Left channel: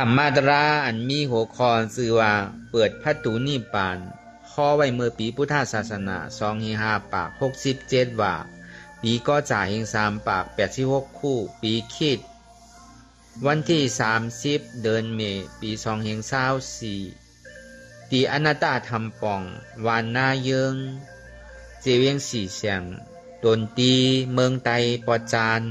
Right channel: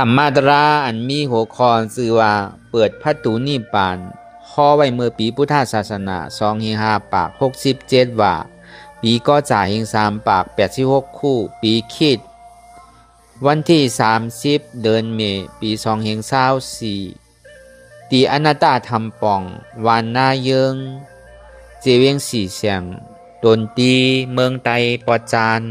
ธรรมาตราอันมีหัวข้อชื่อว่าเปิดประตูนิพพานข้อไว้เมื่อปีพุทธศาสนา2-5ปาก67ว่าปีก็จ่ายเฮง3ปาก86คู่ปีคิดวันที่30เดือนเมษายนปี2024ตีอนาตาธรรมปองวานนาเยิงเจเวียงสีเสียงดนตรีเมืองไตปอจัน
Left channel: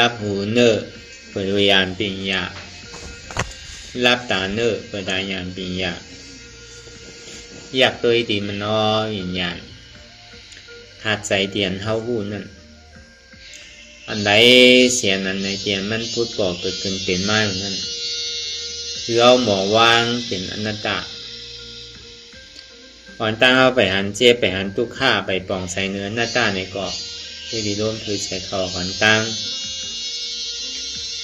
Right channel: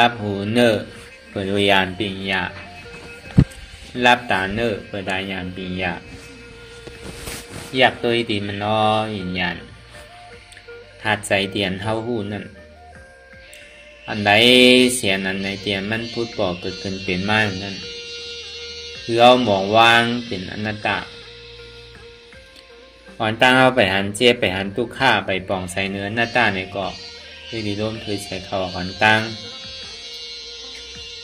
รับหูเนอเปิดวิญญาณปิญญารับตาเนอเปิดตาญาณปิญญาอยากตัวตีมันน้อยวิญญาณหาดใจเตียนเท่าหูนั่นอันใดเสียนั้นในเตียนมันพูดก่อเกิดขึ้นเป็นไม้นั่นคือเอามองวางเป็นอนัตตาก่อนตั้งเอาไปหันเจ็บไปหันตุกข้าไปปองใส่เนื้อหน้าตาในเกาะที่ดีร่วมเคยใส่เขาก่อนตั้ง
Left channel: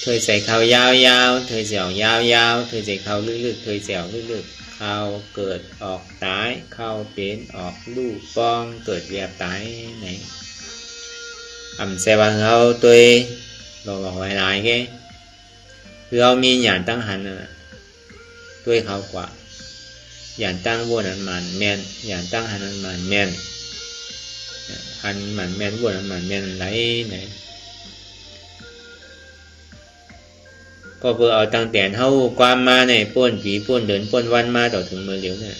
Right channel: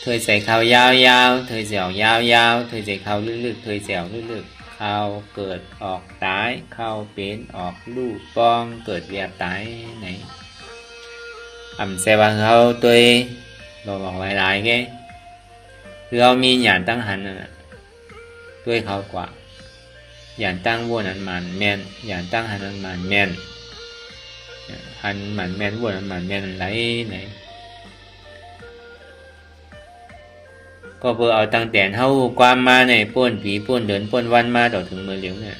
เธอใส่ข้าวยาวๆเธอเสียวยาวๆเธอใส่ข้าวลึกๆเธอเสียวลึกๆข้าวเกิดออกตายข้าวเป็นออกลูกป้องเกิดเวียตายไหนเสียบางเขาตัวเราบอกไว้หลายแกคือเรามีหยาดตั้งหันตัวเขากว่าหยาดตั้งวัวนั้นมันแม่นหยาดตั้งหันนั้นมันแม่นหันมันแม่นวัวนั้นมันแม่นไหนก็เพื่อเอาตั้งแต่เท่าความมาในป้นผีป้นเดินป้นวันมาต่อถึงมือเหลียวเนี่ย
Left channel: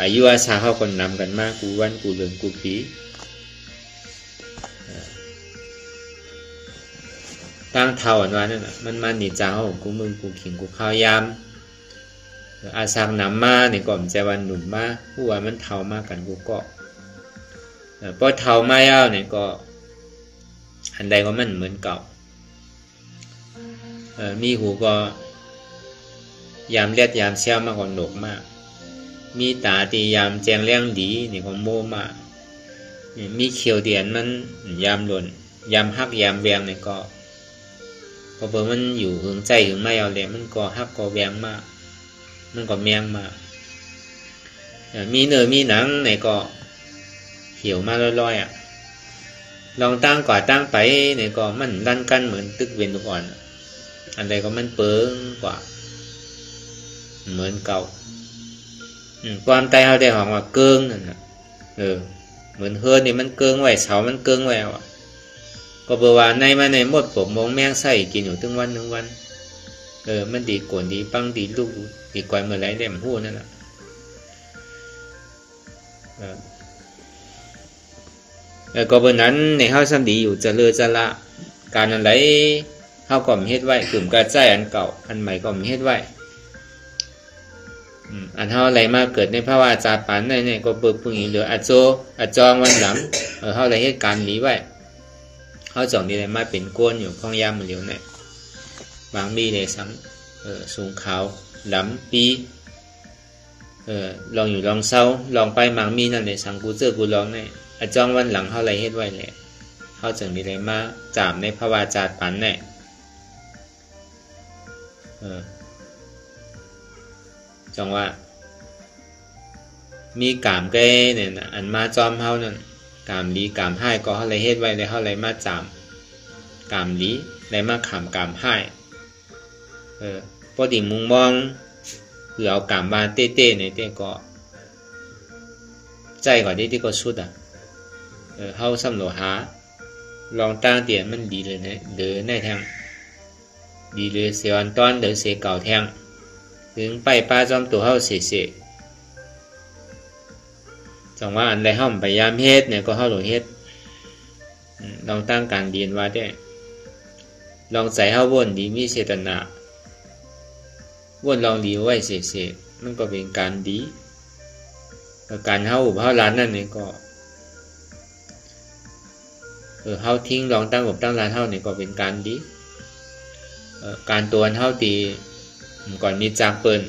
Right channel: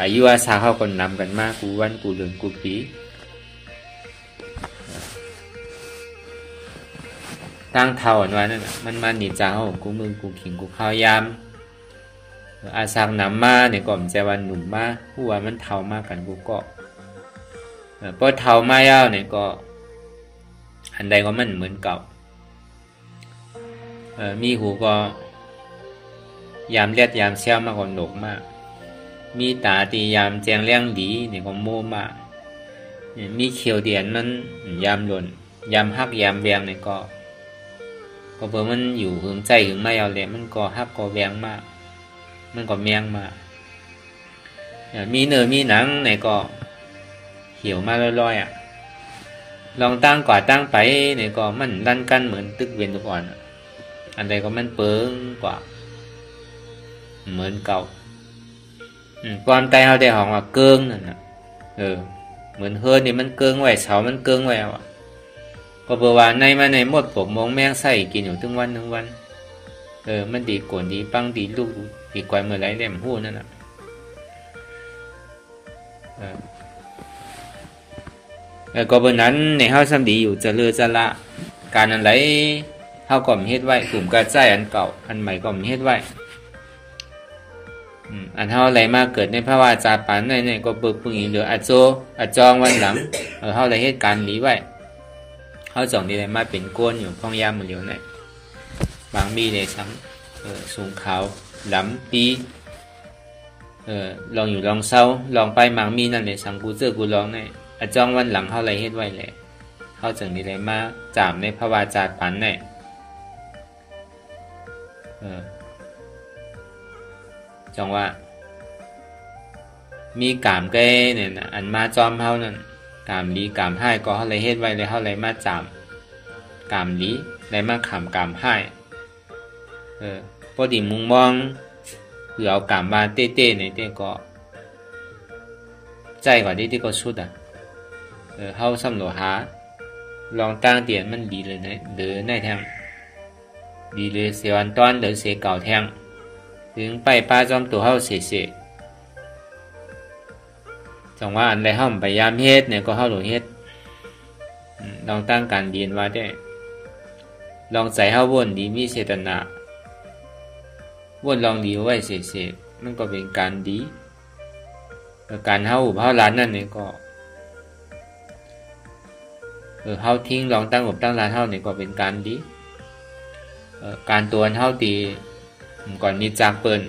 อายุอาสาเขาคนนำกันมากกูวันกูเดินกูผีตั้งเท่าอันว่านั่นมันมาหนีจ้าเขากูมึงกูขิงกูข้าวยามอาสังนำมาในก่อมใจวันหนุ่มมาผู้ว่ามันเท่ามากกันกูก็พอเท่ามายาวเนี่ยก็อันใดก็มันเหมือนเก่ามีหูก็ยามเลียดยามเชี่ยวมากกว่าหนกมากมีตาตียามแจงเลี้ยงดีนี่ก็โม่มากมีเขียวเดียนมันยามหล่นยามฮักยามแวงนี่ก็เพิ่มมันอยู่หึงใจหึงไม่เอาแหละมันก็ฮักก็แวงมากมันก็แมงมากมีเนื้อมีหนังนี่ก็เหี่ยวมาลอยๆลองตั้งก่อตั้งไปนี่ก็มันดันกันเหมือนตึกเวียนทุกอ่อนอันใดก็มันเปิงกว่าเหมือนเก่าความใจเขาได้หองว่าเกิงนั่นน่ะเหมือนเฮือนนี่มันเกิงไว้เสามันเกิงไว้ก็เบอว่าในมาในหมดผมมองแมงใส่กินอยู่ทั้งวันมันดีกวนดีปังดีลูกดีกว่าเมื่อไรเล่มพูดนั่นน่ะก็บนนั้นในเฮาซ้ำดีอยู่จะเลือจะละการอะไรเฮาก็มีเฮ็ดไว้กลุ่มกระจายอันเก่าอันใหม่ก็มีเฮ็ดไว้อันเฮาอะไรมาเกิดในภาวะจาปานในก็เปิดพึ่งอีเหลืออาจองวันหลังเฮาได้เฮ็ดการหนีไว้เฮาจองนี่ได้มาเป็นก้นอยู่ข้องยามมื้อเหลียวเนี่ยบางมีเลยสังสูงขาวหลำปีลองอยู่ลองเศร้าลองไปบางมีนั่นเลยสังกูเจอกูลองในอาจองวันหลังเฮาอะไรเฮ็ดไว้แหละเฮาจังนี่ได้มาจามในภาวะจาปานในจังว่ามีกามแก่เนี่ยนะอันมาจอมเฮานั่นกามดีกามให้ก็เฮาเลยเฮ็ดไว้เลยเฮาเลยมาจามกามดีเลยมาขำกามให้พอดีมุงมองคือเอากามบานเต้ๆในเต้ก็ใจกว่าที่ก็สุดเฮาสำรวจหาลองตั้งเตียนมันดีเลยนะเดือในแทงดีเลยเสียวันตอนเดือเสียเก่าแทงถึงไปป้าจอมตัวเฮาเสียจังว่าอันใดเฮาพยายามเฮ็ดเนี่ยก็เฮาหลงเฮ็ดลองตั้งการเรียนว่าได้ลองใส่เฮาวนดีมีเจตนาวนลองดีไว้เสียมันก็เป็นการดีการเฮาเฮาล้านนั่นนี่ก็ เฮาทิ้งลองตั้งอกตั้งลานเฮาเนี่ยก็เป็นการดีการตัวเฮาตีก่อนมีจากเปิ้น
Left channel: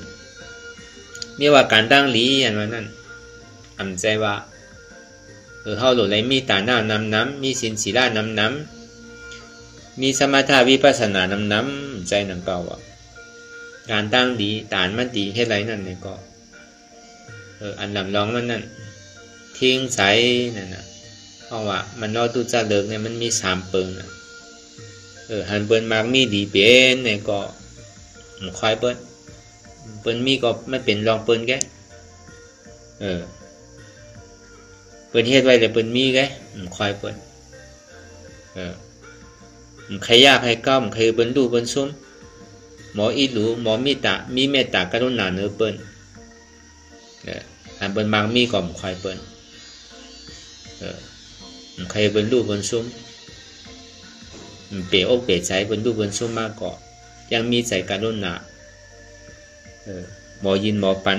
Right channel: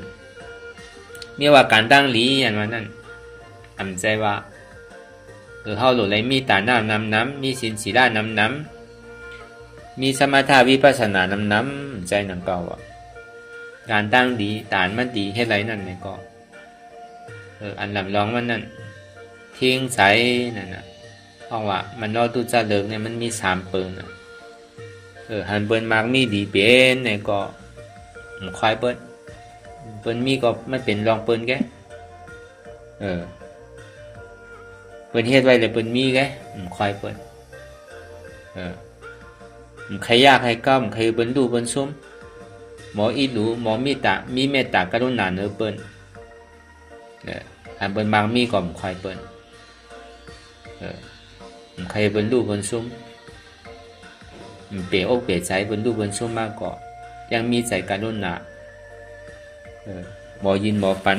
เนี่ยว่าการตั้งหลีอย่างนั้นอำใจว่าเฮาโหลดไหลมีตาหน้านำน้ำมีศีลศีลานำน้ำมีสมถะวิปัสสนานำน้ำใจหนังเก่าการตั้งดีตานมันดีเฮ็ดไรนั่นเนี่ยก็อันลำลองมันนั่นทิ้งใสนั่นน่ะเพราะว่ามันรอตุจะเลิกเนี่ยมันมี3เปิ้นหันเปิ้นมากมีดีเป็นเนี่ยก็ควายเปิ้นมีก็ไม่เป็นลองเปิ้นแกเปิ้นเฮ็ดไว้เลยเปิ้นมีแกควายเปิ้นใครยากใครก้ำใครเปิ้นดูเปิ้นซุ่มหมออีหลูหมอมีเมตตากรุณาเนื้อเปิ้นอันเปิ้นบางมีก็ควายเปิ้นใครเปิ้นดูเปิ้นซุ่มเปรียอกเปรียใจเปิ้นดูเปิ้นซุ่มมากก็ยังมีใจกรุณาบ่ยินบ่ฝัน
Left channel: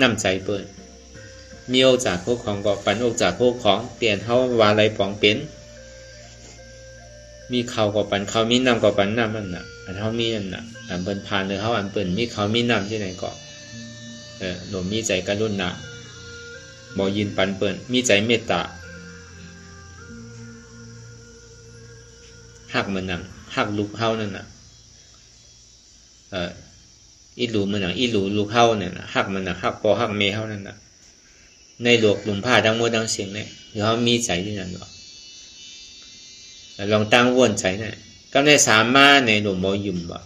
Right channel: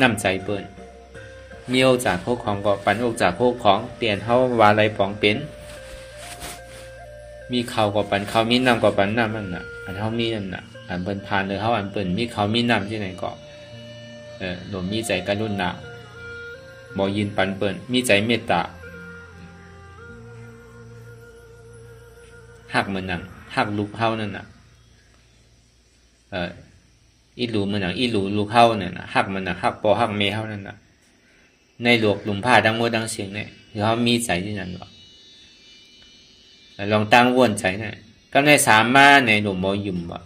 น้ำใจเปิ้นมีอกจากพวกของก็ปันอกจากพวกของเปลี่ยนเฮาว่าอะไรปองเป็นมีเขาก็ปันเขามีน้ำก็ปันน้ำนั่นน่ะอันเฮามีนั่นน่ะอันเปิ้นผ่านเลยเฮาอันเปิ้นมีเขามีน้ำที่ไหนก็หนูมีใจกรุณาบ่ยินปันเปิ้นมีใจเมตตาฮักมันนั่นฮักลูกเฮานั่นน่ะอีหลูมันน่ะอีหลูลูกเฮาเนี่ยน่ะฮักมันน่ะฮักพ่อฮักแม่เฮานั่นน่ะในหลวกหลุมผ้าทั้งหมดทั้งเสียงเนี่ยหรือเขามีใจที่นั่นหรอลองตั้งวนใจเนี่ยก็ในสามารถในหลุมมอยุ่มบ่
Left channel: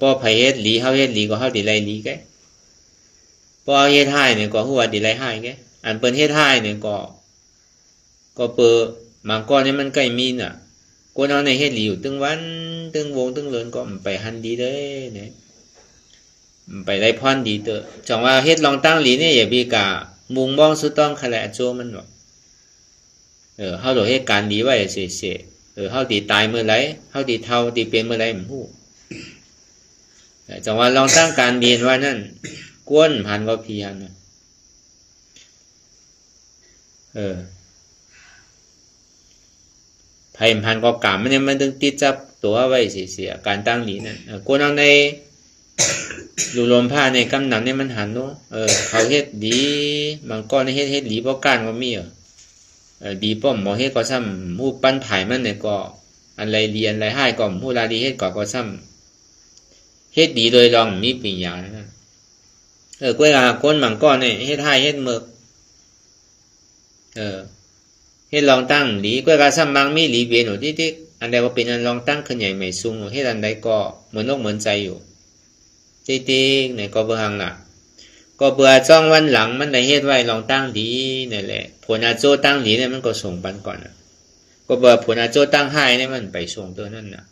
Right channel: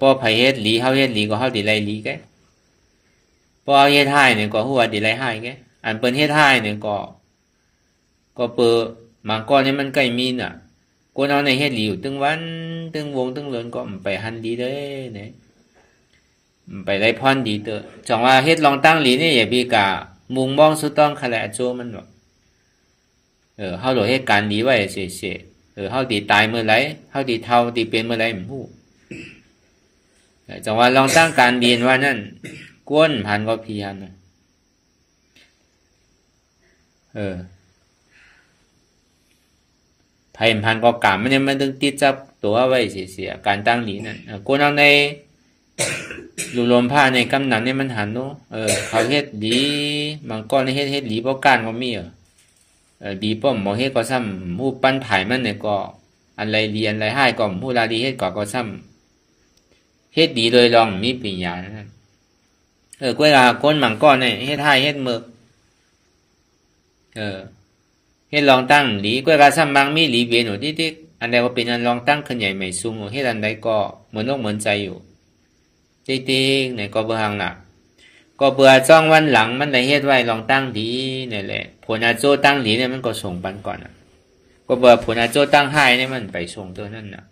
ป้อไผเฮ็ดหลีเขาเฮ็ดหลีก็เขาดีไรหลีแกป้อเฮ็ดให้เนี่ยก็หัวดีไรให้แกอันเปิ้นเฮ็ดให้เนี่ยก็เปิดมังกรเนี่ยมันใกล้มีน่ะกูเอาในเฮ็ดหลีอยู่ตึงวันตึงวงตึงเลินก็ไปหันดีเลยเนี่ยไปไล่พรดีเตอจังว่าเฮ็ดลองตั้งหลีเนี่ยอย่าบีกะมุงมองสุดต้องขะแลโจมันหรอกเฮาโดเฮ็ดการดีไว้เฉยๆเฮาดีตายเมื่อไหร่เฮาดีเฒ่าดีเป็นเมื่อไหร่บ่ฮู้จังว่าลองตั้งการดีว่านั่นกวนพันก็เพียรน่ะไผพันก็กรรมมันเนี่ยมันต้องติดจับตัวไว้เสียๆการตั้งหลีนั่นกวนเอาในอยู่ลมผ้าในกำหนังเนี่ยมันหันเนาะเขาเฮ็ดดีมันก็ในเฮ็ดดีเพราะการก็มีดีป้อมหมอเฮ็ดก็ซ้ำผู้ปั้นถ่ายมันเนี่ยก็อันไรดีอันไรให้ก็ผู้ลาดีเฮ็ดก็ซ้ำเฮ็ดดีโดยลองมีปริญญานั่นกล้วยก้นมังก้อนเนี่ยเฮ็ดให้เฮ็ดเมือกเฮ็ดลองตั้งหลีกล้วยกาซ้ำบางมีหลีเบียนอยู่ที่อันใดว่าเป็นอันลองตั้งขึ้นใหญ่ใหม่สูงเฮ็ดอันใดก็เหมือนโลกเหมือนใจอยู่จริงๆเนี่ยก็เบื่อหังน่ะก็เบื่อจ้องวันหลังมันได้เฮ็ดไว้ลองตั้งดีนี่แหละผลอาโจตั้งดีเนี่ยมันก็ส่งปันก่อนน่ะก็เบื่อผลอาโจตั้งให้เนี่ยมันไปส่งตัวนั่นน่ะ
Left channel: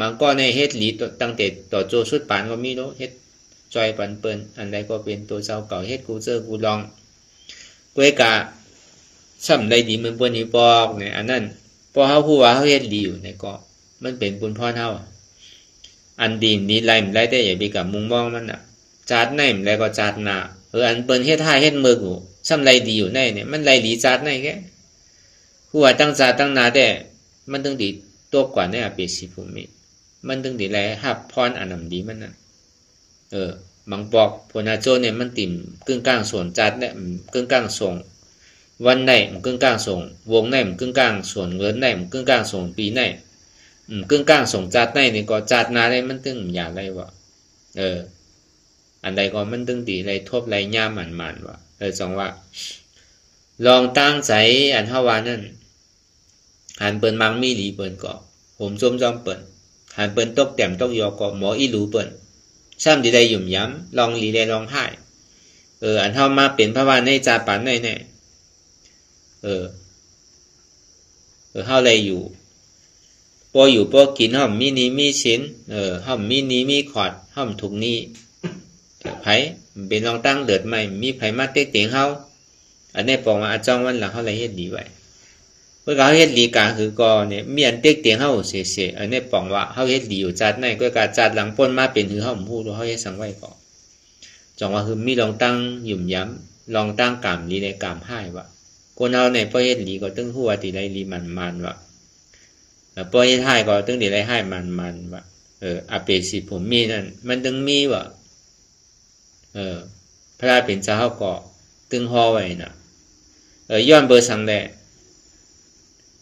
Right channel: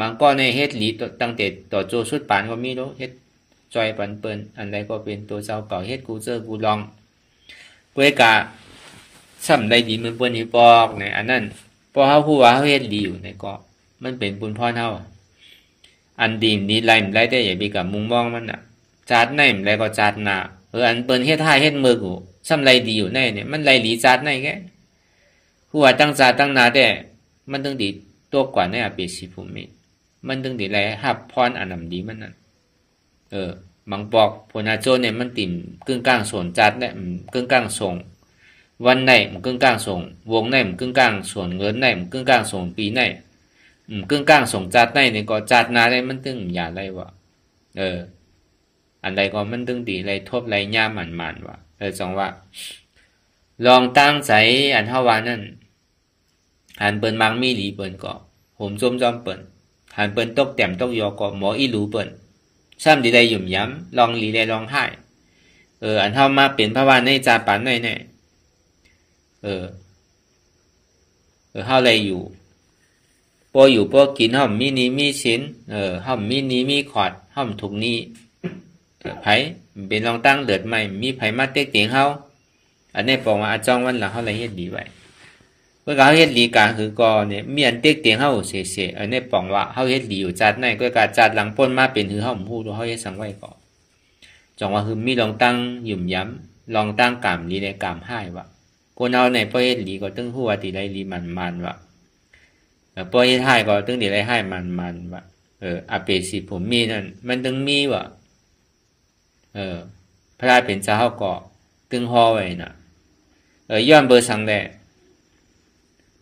มันก็ในเฮ็ดหลีตั้งแต่ต่อโจสุดปานก็มีเนาะเฮ็ดจอยปันเปิ้นอันใดก็เป็นตัวเจ้าเก่าเฮ็ดกูเจอกูลองเพื่อกะซ้ำได้ดีเหมือนเปิ้นนี่บอกเนี่ยอันนั้นพอเฮาฮู้ว่าเฮาเฮ็ดดีอยู่เนี่ยก็มันเป็นบุญพรเฮาอันดีนี้ไล่มันไล่ได้อย่าไปกับมุงมองมันน่ะจัดในมันไล่ก็จัดหน้าอันเปิ้นเฮ็ดท่าเฮ็ดมือกูซ้ำไล่ดีอยู่ในเนี่ยมันไล่ดีจัดในแกหัวตั้งจัดตั้งหน้าแต่มันต้องดีตัวกว่าในอเปสิภูมิมันต้องดีไล่ฮับพรอันนั้นดีมันน่ะบางบอกพนาโจเนี่ยมันติ่มกึ่งกลางส่วนจัดเนี่ยกึ่งกลางส่งวันไหนมันกึ่งกลางส่งวงไหนมันกึ่งกลางส่วนเงินไหนมันกึ่งกลางส่งปีไหนกึ่งกลางส่งจัดในนี่ก็จัดนาได้มันตึงอย่าไรวะอันใดก็มันตึงดีไรทบไรย่าหมันวะจังว่าลองตั้งใจอันเฮาว่านั่นหันเปิ้นมังมีหลีเปิ้นก็ผมจมจอมเปิ้นหันเปิ้นตกแต้มตกยอก็หมออีหลูเปิ้นซ้ำดีได้หยุ่มย้ำลองหลีได้ลองให้อันเฮามาเป็นพระวานในจาปันในเนี่ยเฮาเลยอยู่พออยู่พอกินห้อมมีนี้มีชิ้นห้อมมีนี้มีขอดห้อมถุงนี้ไผเป็นลองตั้งเดือดใหม่มีไผมาเต็กเตียงเฮาอันนี้บอกว่าจ้องวันหลังเฮาเลยเฮ็ดดีไว้เมื่อเขาเฮ็ดดีกลางคือก็เนี่ยมีอันเต็กเตียงเฮาเสๆอันนี้บอกว่าเฮาเฮ็ดดีอยู่จัดในก็การจัดหลังป้นมาเป็นคือเฮาฮู้ว่าเฮาเฮ็ดสังไว้ก็จังว่าคือมีลองตั้งหยุ่มย้ำลองตั้งกามลีในกามให้ว่า คนเฮาเนี่ยพอเฮ็ดหลีก็ตึงหัวติไรหลีมันๆว่ะพอเฮ็ดให้ก็ตึงติไรให้มันว่ะอาเปสิผมมีนั่นมันตึงมีว่ะพระราชเป็นเจ้าก็ตึงฮอไว้น่ะย้อนเบอร์สังแล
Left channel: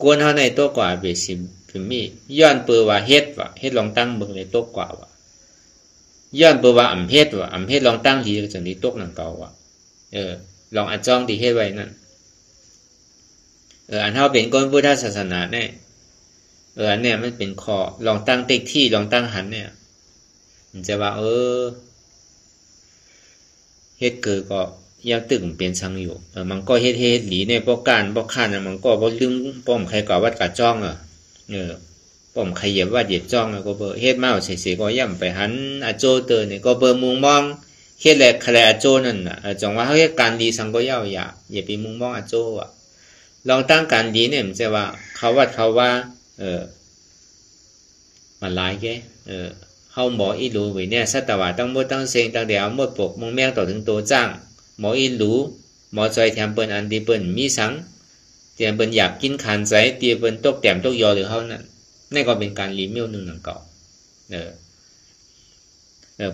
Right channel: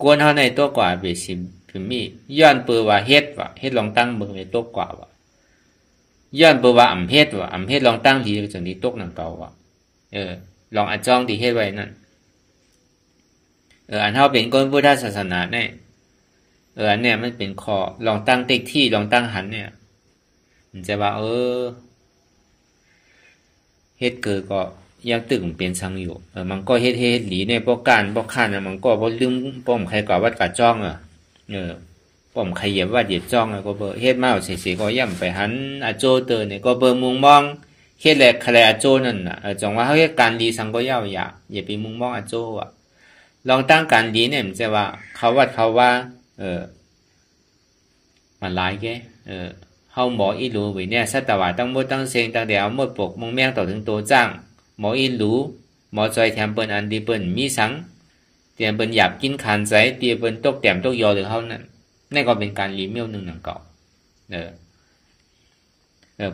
กวนเฮาในตัวกว่าเบสิผมมีย้อนเปอว่าเฮ็ดว่ะเฮ็ดลองตั้งเบิ่งในตัวกว่าว่ะย้อนเปอว่าอำเฮ็ดว่ะอำเฮ็ดลองตั้งทีจังนี้ตกนั่นเก่าว่ะลองอาจ้องที่เฮ็ดไว้นั่นอันเฮาเป็นคนพุทธศาสนาเนี่ยอันเนี้ยมันเป็นข้อลองตั้งติ๊กที่ลองตั้งหันเนี่ยมันจะว่าเฮ็ดเกิดก็ยังตึงเป็นสังอยู่มันก็เฮ็ดหลีเนี่ยบ่การบ่คันน่ะมันก็บ่ลืมป้อมใครก็วัดกะจ้องป้อมใครเหยียบว่าเหยียบจ้องก็เบอเฮ็ดมาเสียก็ย่ำไปหันอาโจเตอเนี่ยก็เบอมุงมองเฮ็ดแลกคะแลอาโจนั่นน่ะจังว่าเฮาเฮ็ดการดีสังก็ยาวอย่าไปมุงมองอาโจอ่ะลองตั้งการดีเนี่ยมันจะว่าเขาวัดเขาว่ามาหลายแกเฮาหมออีรู้ไว้เนี่ยสัตวะตั้งหมดตั้งเสียงตั้งเดียวหมดปกมงแมงต่อถึงตัวจ้างหมออีรู้หมอจอยแถมเปิ้นอันดีเปิ้นมีสังเตรียมเปิ้นอยากกินขานใจเตรียมเปิ้นตกแต้มตกยอหรือเฮานั่นนี่ก็เป็นการรีเมลนึงนั่นเก่า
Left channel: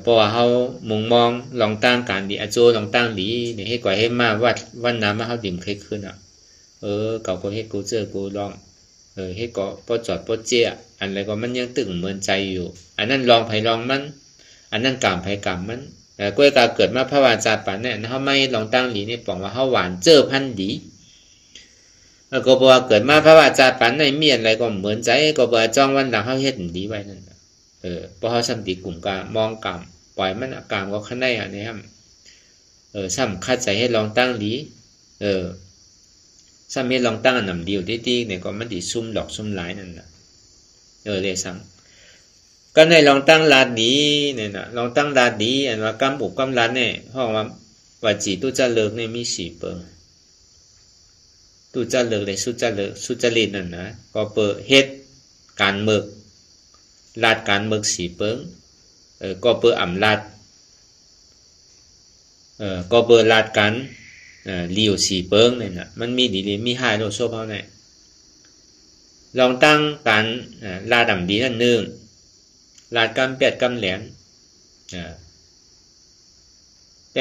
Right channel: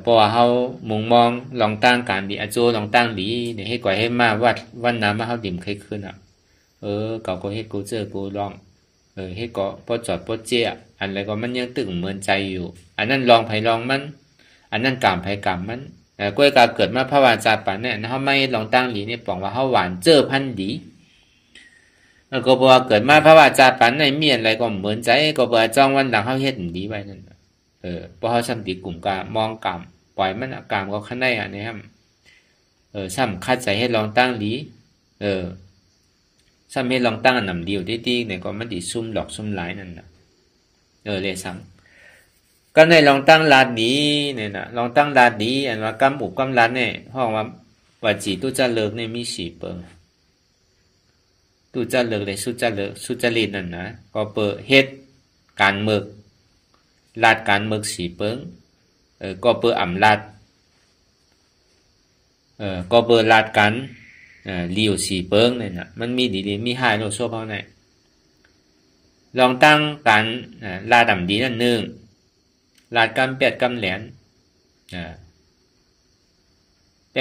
เพราะว่าเฮามุงมองลองตั้งการดีอาโจลองตั้งดีเนี่ยให้ก่อยให้มาวัดน้ำมาเฮาดิ่มเคยขึ้นอ่ะเก่าก็เฮ็ดกูเจอกูลองเฮ็ดก็บ่จอดบ่เจี๊ยอันอะไรก็มันยังตึงเหมือนใจอยู่อันนั้นลองไผลองมันอันนั้นกามไผกามมันก้วยกาเกิดมาพระวาจาปานเนี่ยเฮาไม่ลองตั้งดีนี่ปองว่าเฮาหวานเจอพันดีก็บ่ว่าเกิดมาพระวาจาปานในเมียนอะไรก็เหมือนใจก็บ่จ้องวันหลังเฮาเฮ็ดดีไว้นั่นเพราะเฮาซ้ำติกลุ่มกามองกามปล่อยมันกามก็คั่นได้อันนี้ครับซ้ำคัดใจให้ลองตั้งดีซ้ำให้ลองตั้งอันนำเดียวดีๆเนี่ยก็มันสิซุ่มหลอกซุ่มหลายนั่นน่ะเลยซ้ำก็ในลองตั้งลาดดีเนี่ยน่ะลองตั้งลาดดีอันว่ากำปุกกำลาดเนี่ยห้องว่าจีตุจะเลิกเนี่ยมี4เปอร์ตุจะเลิกเลยสุจะเลิกสุจริตนั่นนะก็เปิดเฮ็ดการเมึกลาดการเมึก4เปิงก็เปิดอ่ำลาดก็เปิดลาดกันเลี้ยว4เปิงนั่นน่ะมันมีดีมีหายโลโซเฮาเนี่ยลองตั้งการลาดำดีนั่นนึงลาดกำ8กำแหลน8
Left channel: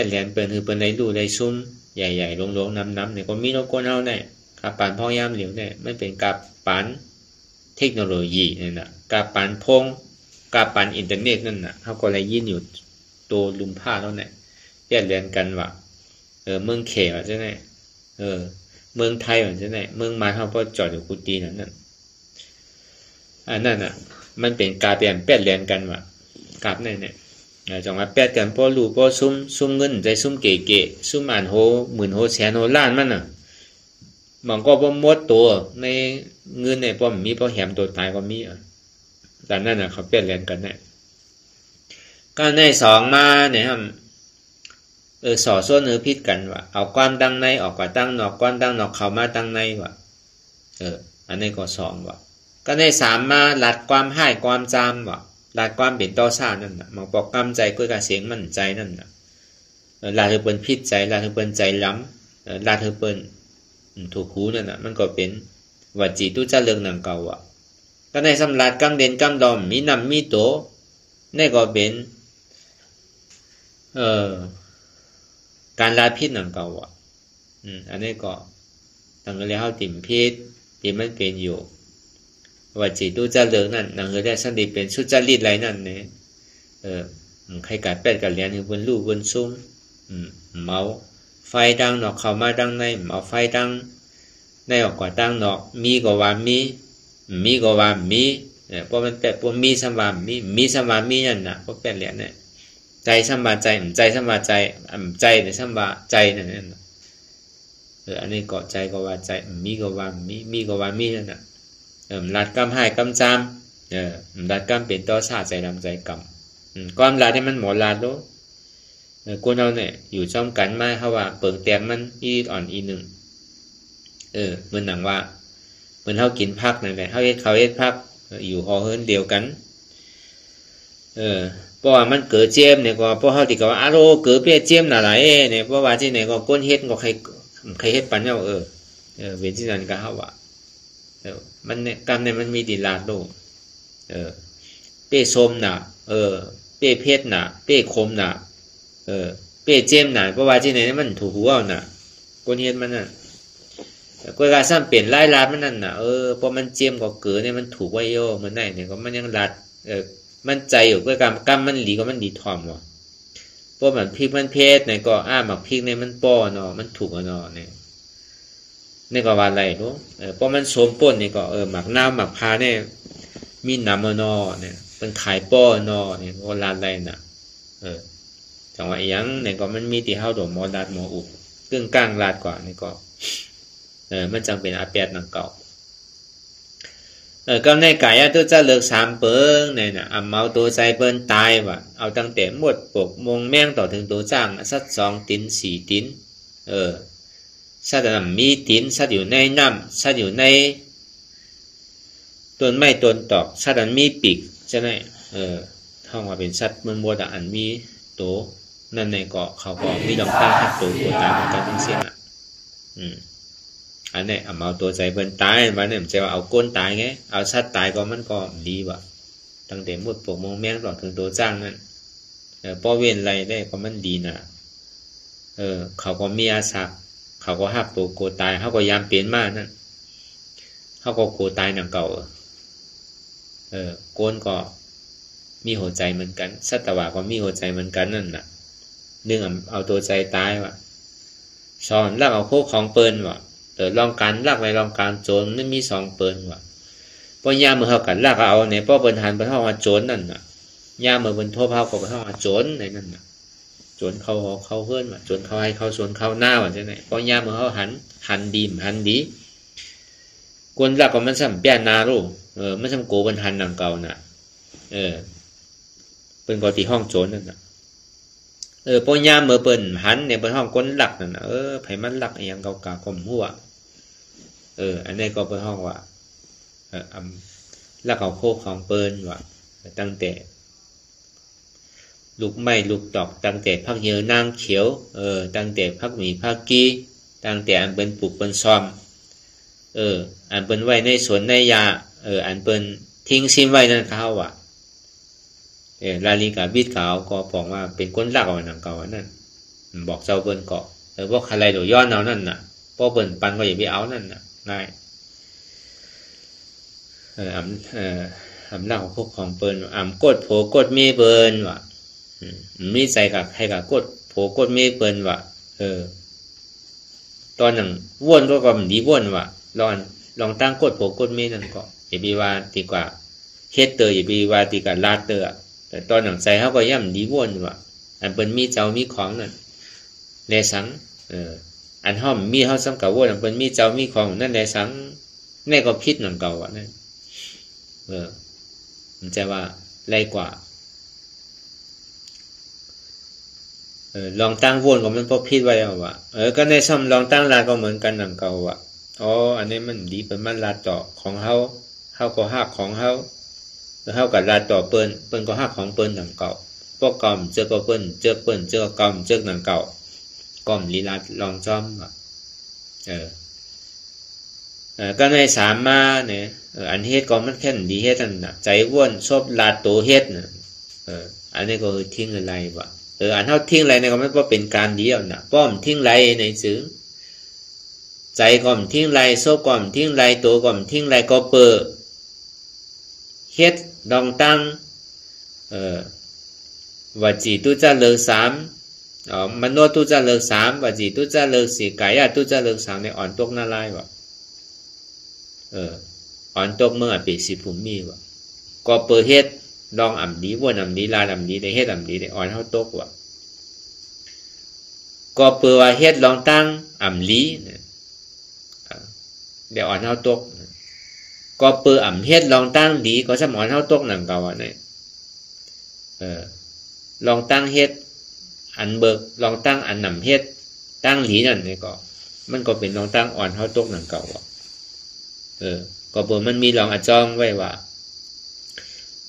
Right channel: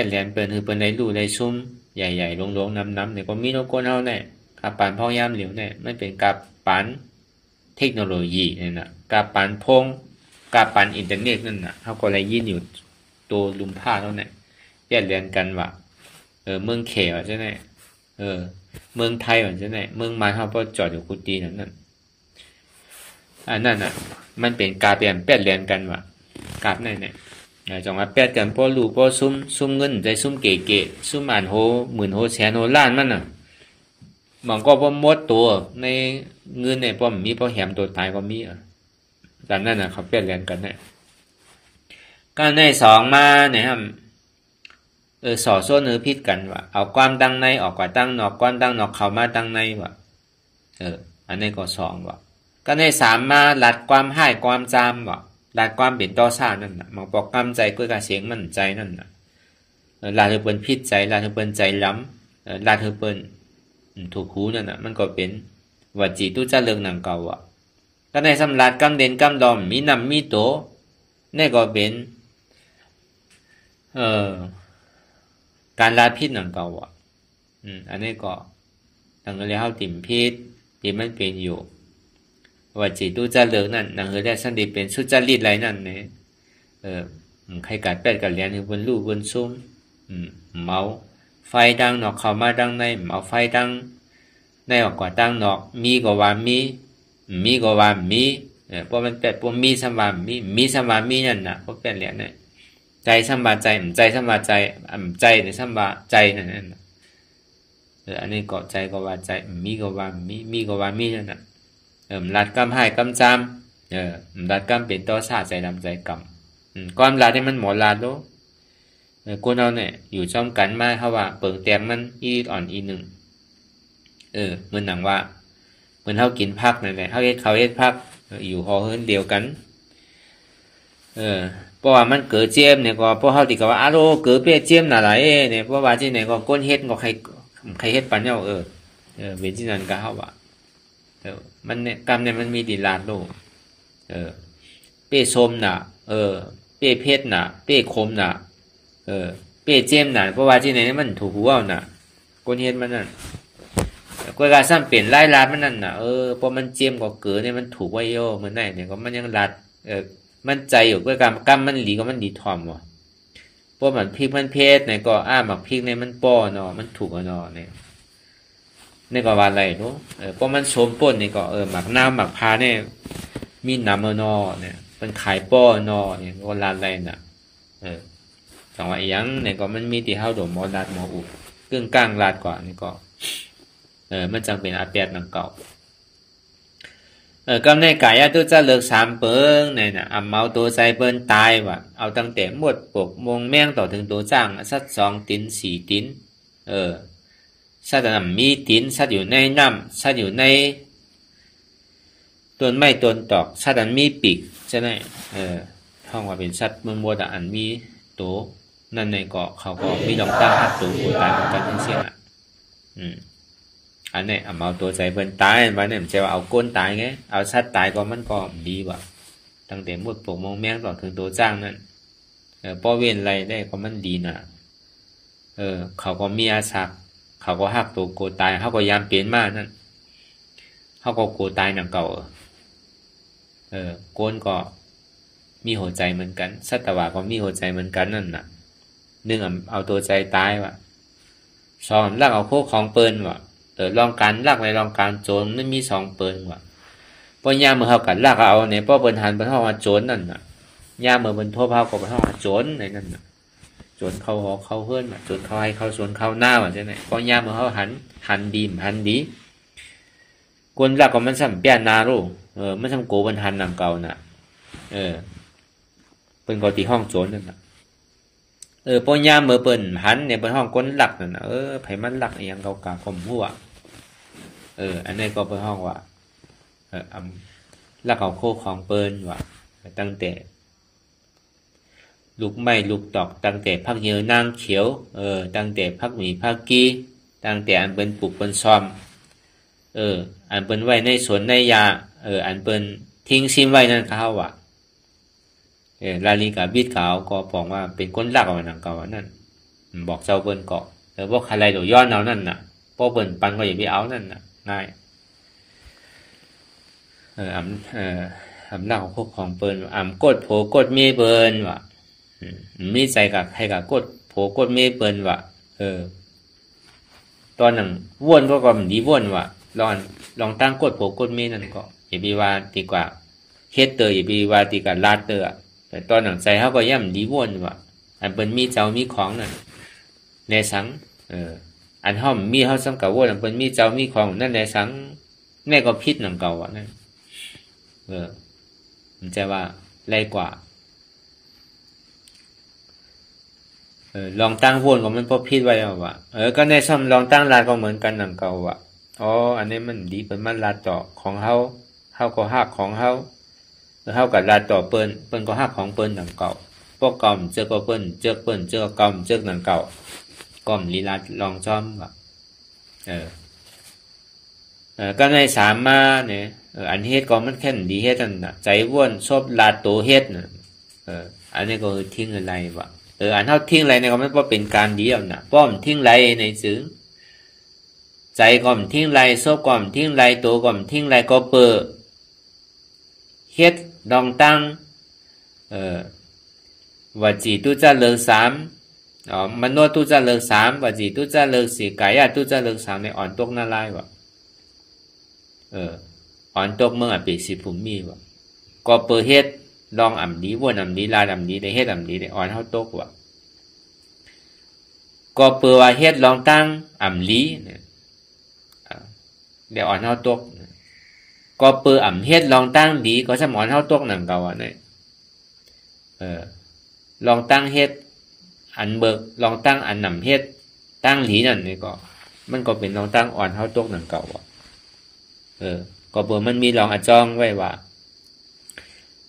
แหลนเปิ้นคือเปิ้นได้รู้ได้ซุ่มใหญ่ๆลงๆน้ำๆเนี่ยก็มีโลกคนเฮาเนี่ยกับปานพ่อยามเหลียวเนี่ยมันเป็นกับปานเทคโนโลยีนี่น่ะกับปานพงกับปานอินเทอร์เน็ตนั่นน่ะเฮาก็เลยยินอยู่ตัวลุมผ้าเนาะเนี่ยแยกเรียนกันว่าเมืองเขว่าจังได๋เมืองไทยว่าจังได๋เมืองมาเฮาบ่จอดอยู่กุฏินั่นอันนั้นน่ะมันเป็นกาเปลี่ยนแปดเรียนกันว่ากาบนั่นเนี่ยจังว่าแปดกันพอรู้พอซุ่มเงินใจซุ่มเก๋ๆซุ่มอ่านโหหมื่นโหแสนโหล้านมันน่ะมันก็บ่หมดตัวในเงินเนี่ยพอมีพอแหมตัวตายก็มีดังนั้นน่ะเขาแปดเรียนกันเนี่ยก็ใน2มาเนี่ยครับสอโซนพิษกันว่าเอาความตั้งในออกกว่าตั้งนอกความตั้งนอกเข้ามาตั้งในว่าอันนี้ก็2ว่าก็ใน3มาลัดความให้ความจำว่าลัดความเป็นต่อซ่านั่นน่ะมันบอกกำใจก้วยกะเสียงมั่นใจนั่นน่ะลาดให้เปิ้นผิดใจลาดให้เปิ้นใจล้ำลาดให้เปิ้นถูกหูนั่นน่ะมันก็เป็นว่าจีตุจะเลิกหนังเก่าอ่ะก็ในสำลัดกำเด่นกำดอมมีนำมีโตนี่ก็เป็นการลาพิษหนังเก่าอ่ะอันนี้ก็ตั้งแต่เฮาติ่มพิษที่มันเป็นอยู่ว่าจีตุจะเลิกนั่นหนังได้สันติเป็นสุจริตไรนั่นเนี่ยใครกัดแปดกัดเลี้ยงคือบนลู่บนซุ้มเมาไฟดังนอกเข้ามาดังในเมาไฟดังในออกกว่าดังนอกมีก็ว่ามีก็ว่ามีเพราะมันแต่พวกมีสัมวามีสัมวามีนั่นน่ะเพราะเป็นเหรียญเนี่ยใจสัมวาใจใจสัมวาใจใจในสัมวาใจนั่นอันนี้ก็ใจก็ว่าใจมีก็ว่ามีก็ว่ามีนั่นน่ะลัดกำให้กำจำลัดกำเป็นต่อซาใจดำใจกำความลัดที่มันหมดลัดโลคนเราเนี่ยอยู่จ้อมกันมาเขาว่าเปิดแต้มมันอีอ่อนอีหนึ่งเหมือนหนังว่าเหมือนเขากินพักนั่นแหละเขาเฮ็ดพักอยู่หอเฮิรนเดียวกันเพราะว่ามันเกิดเจียมเนี่ยก็เพราะเขาติดกับว่าโลเกิดเปียเจียมน่ะหลายเนี่ยเพราะว่าที่ไหนก็ก้นเฮ็ดก็ใครเฮ็ดปันเนา เว้นที่นั้นก็เฮาว่ามันเนี่ยกรรมเนี่ยมันมีดิลาดโลเป้ส้มน่ะเป้เพชรน่ะเป้คมน่ะเป้เจมน่ะเพราะว่าที่ไหนมันถูกหัวน่ะคนเฮ็ดมันน่ะกว่าซ้ำเปลี่ยนลายลาดมันนั่นน่ะพอมันเจียมก็เกิดเนี่ยมันถูกไว้โยเหมือนได้เนี่ยก็มันยังลัดมันใจอยู่กว่ากรรมมันหลีก็มันดีทอมว่ะเพราะมันพริกมันเพชรเนี่ยก็หมักพริกเนี่ยมันป้อเนาะมันถูกเนาะเนี่ยนี่ก็ว่าอะไรรู้เพราะมันสมป่นนี่ก็หมักน้ำหมักพาเนี่ยมีน้ำเนาะเนี่ยเป็นขายป้อเนาะเนี่ยก็ลาดอะไรน่ะจังหวะยังเนี่ยก็มันมีที่เฮาโดมหมอดัดหมออุบตึ้งกลางลาดกว่านี่ก็มันจังเป็นอาแปดนังเก่ากำในกายตัวจะเลิก3เปิงเนี่ยนะเมาตัวใจเปิ้นตายว่ะเอาตั้งแต่หมดปกมงแม่งต่อถึงตัวจ้างสัก2ติ้น4ติ้นสัตว์นั้นมีติ้นสัตว์อยู่ในน้ำสัตว์อยู่ในต้นไม้ต้นตอกสัตว์นั้นมีปีกใช่ไหมห้องว่าเป็นสัตว์มันบดอันมีตัวนั่นในเกาะเขาก็มีดอกตั้งทับตัวตายกันทั้งสิ้นอันนี้เอาตัวใจเป็นตายวันนี้มันจะเอาก้นตายไงเอาสัตว์ตายก็มันก็ดีว่ะตั้งแต่มุดปกมองแมงต่อถึงตัวจ้างนั่นป้อเว้นอะไรได้ก็มันดีนะเขาก็มีอาศักเขาก็หักตัวโกตายเขาก็ยามเปลี่ยนมากนั่นเขาก็โกตายหนังเก่าก้นก็มีหัวใจเหมือนกันสัตวะก็มีหัวใจเหมือนกันนั่นน่ะนึงเอาตัวใจตายว่ะสอนลักเอาโคกของเปิ้นว่ะลองการลักในลองการโจรมันมี2เปิ้นว่ะพอยามเมื่อเขากันลักเอาเนี่ยป้อเปิ้นหันไปเฮาว่าโจรนั่นน่ะยามเมื่อเปิ้นโทรเฮาก็ไปเฮาว่าโจรในนั่นน่ะโจรเขาหอกเขาเฮือนว่ะโจรเขาให้เขาสวนเขาหน้าว่าจังได๋พอยามเมื่อเฮาหันดีคนลักก็มันซ้ํเปียนารู้มันซ้ํโกเปิ้นหันนำเก่าน่ะเปิ้นก็ที่ห้องโจรนั่นน่ะพอยามเมื่อเปิ้นหันเนี่ยเปิ้นห้องคนลักนั่นน่ะไผมันลักอีหยังเก่าๆข่มหัวอันนี้ก็เป็นห้องว่าลักเอาโคของเปิ้นว่าตั้งแต่ลูกไม้ลูกตอกตั้งแต่พักเยือนางเขียวตั้งแต่พักหมีพักกีตั้งแต่อันเปิ้นปลูกเปิ้นซ่อมอันเปิ้นไว้ในสวนในยาอันเปิ้นทิ้งซิมไว้นั่นเขาว่าลาลีกาบิดขาวก็บอกว่าเป็นคนลักเอาหนังเก่านั่นบอกเจ้าเปิ้นเกาะพวกอะไรโดย้อนเอานั่นน่ะพวกเปิ้นปันก็อย่าไปเอานั่นน่ะง่ายลักของพวกของเปิ้นกดโผกดมีเปิ้นว่ะมีใจกับให้กับกดโผกดมีเปิ้นว่ะตอนนั้นวนก็มันดีวนว่ะลองตั้งกดโผกดมีนั่นก็อย่าไปว่าดีกว่าเฮ็ดเตออย่าไปว่าดีกว่าลาดเตอแต่ตอนนั้นใจเฮาก็ย่ำดีวนว่ะอันเปิ้นมีเจ้ามีของนั่นแลสังอันเฮามีเฮาสำกับวนอันเปิ้นมีเจ้ามีของนั่นแลสังแม่ก็ผิดนั่นเก่าอ่ะนั่นมันจะว่าไรกว่าลองตั้งวนก็มันพอผิดไว้เอาว่ะก็ในซ่อมลองตั้งลาก็เหมือนกันนั่นเก่าว่ะอันนี้มันดีเปิ้นมันลาต่อของเฮาก็ฮักของเฮาเฮาก็ลาต่อเปิ้นก็ฮักของเปิ้นนั่นเก่าพวกกอมเจอก็เปิ้นเจอกอมเจอนั่นเก่ากอมลีลาลองซ่อมว่ะก็ใน3มาเนี่ยอันเฮ็ดก็มันแค่ดีเฮ็ดนั่นน่ะใจว่นชอบลาโตเฮ็ดน่ะอันนี้ก็ทิ้งอะไรวะอันเฮาทิ้งอะไรเนี่ยก็ไม่ว่าเป็นการดีแล้วน่ะป้อมทิ้งไรในซึ้งใจก็มทิ้งไรชอบก็มทิ้งไรโตก็มทิ้งไรก็เปเฮ็ดดองตั้งว่าจีตุจะเลิก3มโนตุจะเลิก3ว่าจีตุจะเลิก4กายะตุจะเลิก3ในอ่อนตกนาลายวะอ่อนตกเมื่อปีสิภูมิว่ะก็เปิดเฮ็ดลองดีวนดีลายดีได้เฮ็ดดีได้อ่อนเฮาตกว่ะก็เปิดว่าเฮ็ดลองตั้งลีเนี่ยได้อ่อนเฮาตกก็เปิดเฮ็ดลองตั้งดีก็จะอ่อนเฮาตกนั่นเก่าอ่ะเนี่ยลองตั้งเฮ็ดอันเบิกลองตั้งอันเฮ็ดตั้งหลีนั่นนี่ก็มันก็เป็นลองตั้งอ่อนเฮาตกนั่นเก่าอ่ะก็เปิดมันมีลองอจองไว้ว่า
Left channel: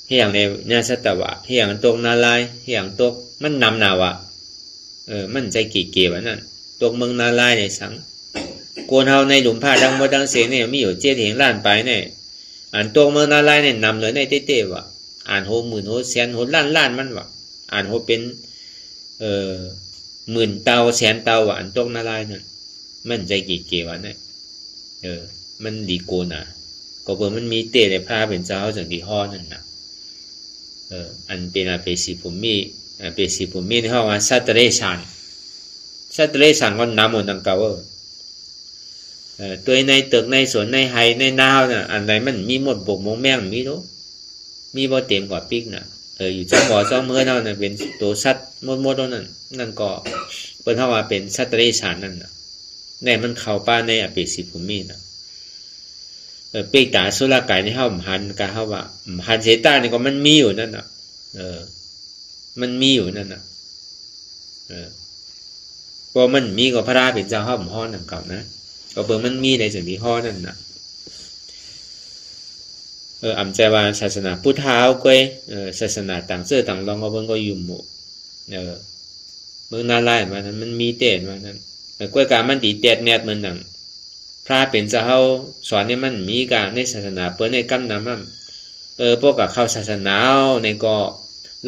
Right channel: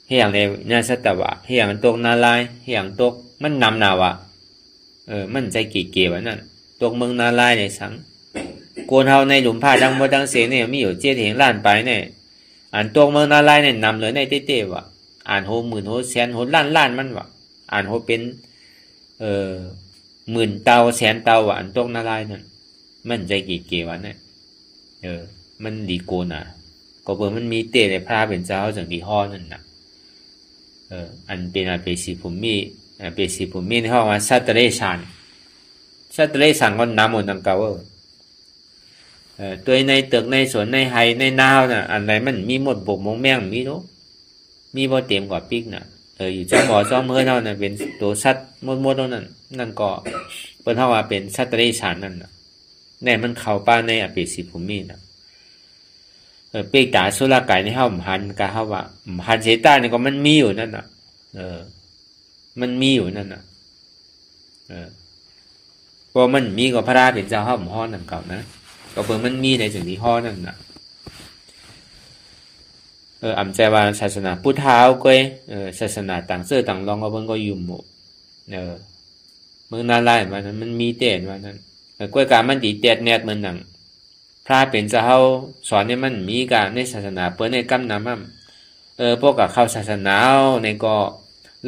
เฮียงในนาสัตวะเฮียงตกนาลายเฮียงตกมันนำนาวะมันใจกี่เกี่ยวนั่นตกเมืองนาลายในสัง กวนเฮาในหลุมผ้าทั้งหมดทั้งเสียงเนี่ยมีอยู่เจ็ดเหงล้านไปเนี่ยอันตรงเมืองนาลายเนี่ยนำเลยในเต้ๆว่ะอ่านโหหมื่นโหแสนโหล้านมันว่ะอ่านโหเป็นหมื่นเตาแสนเตาอ่ะอันตรงนาลายเนี่ยมันใจกี่เกวันเนี่ยมันดีโกนอ่ะก็เปิดมันมีเต้เลยพระเป็นเจ้าจังดีห่อนั่นน่ะอันเป็นอาเปสีผมมีเปสีผมมีในห้องวันสัตเรชันก็น้ำหมดดังเก่าตัวในตึกในสวนในไฮในนาวน่ะอันไหนมันมีหมดบกมงแม่งมีรู้มีบ่เต็มกว่าปิ๊กน่ะอยู่จ้องหมอจ้องเมื่อเท่านั้นเป็นตัวสัตว์มดนั่นก็เปิดห้องว่าเป็นสัตเรชันนั่นน่ะเนี่ยมันเข้าป้าในอาเปสีผมมีน่ะเปีกตาสุรากายในห้องหันกับห้าว่าหันเสตาเนี่ยก็มันมีอยู่นั่นน่ะมันมีอยู่นั่นน่ะพอมันมีก็พระราเป็นเจ้าห้องห้อนั่นเก่านะก็เปิดมันมีในสิ่งที่ห้อนั่นน่ะอำใจว่าศาสนาพุทธาเอาก้อยศาสนาต่างเสื้อต่างรองก็เพิ่นก็ยุ่มหมู่เมืองนาลายมานั้นมันมีเต้นว่านั้นก้อยกามันตีแตดแนดมันนั่นพระเป็นเจ้าเขาสอนให้มันมีการในศาสนาเปิ้นในกำนำมั่งพวกกับเข้าศาสนาในก็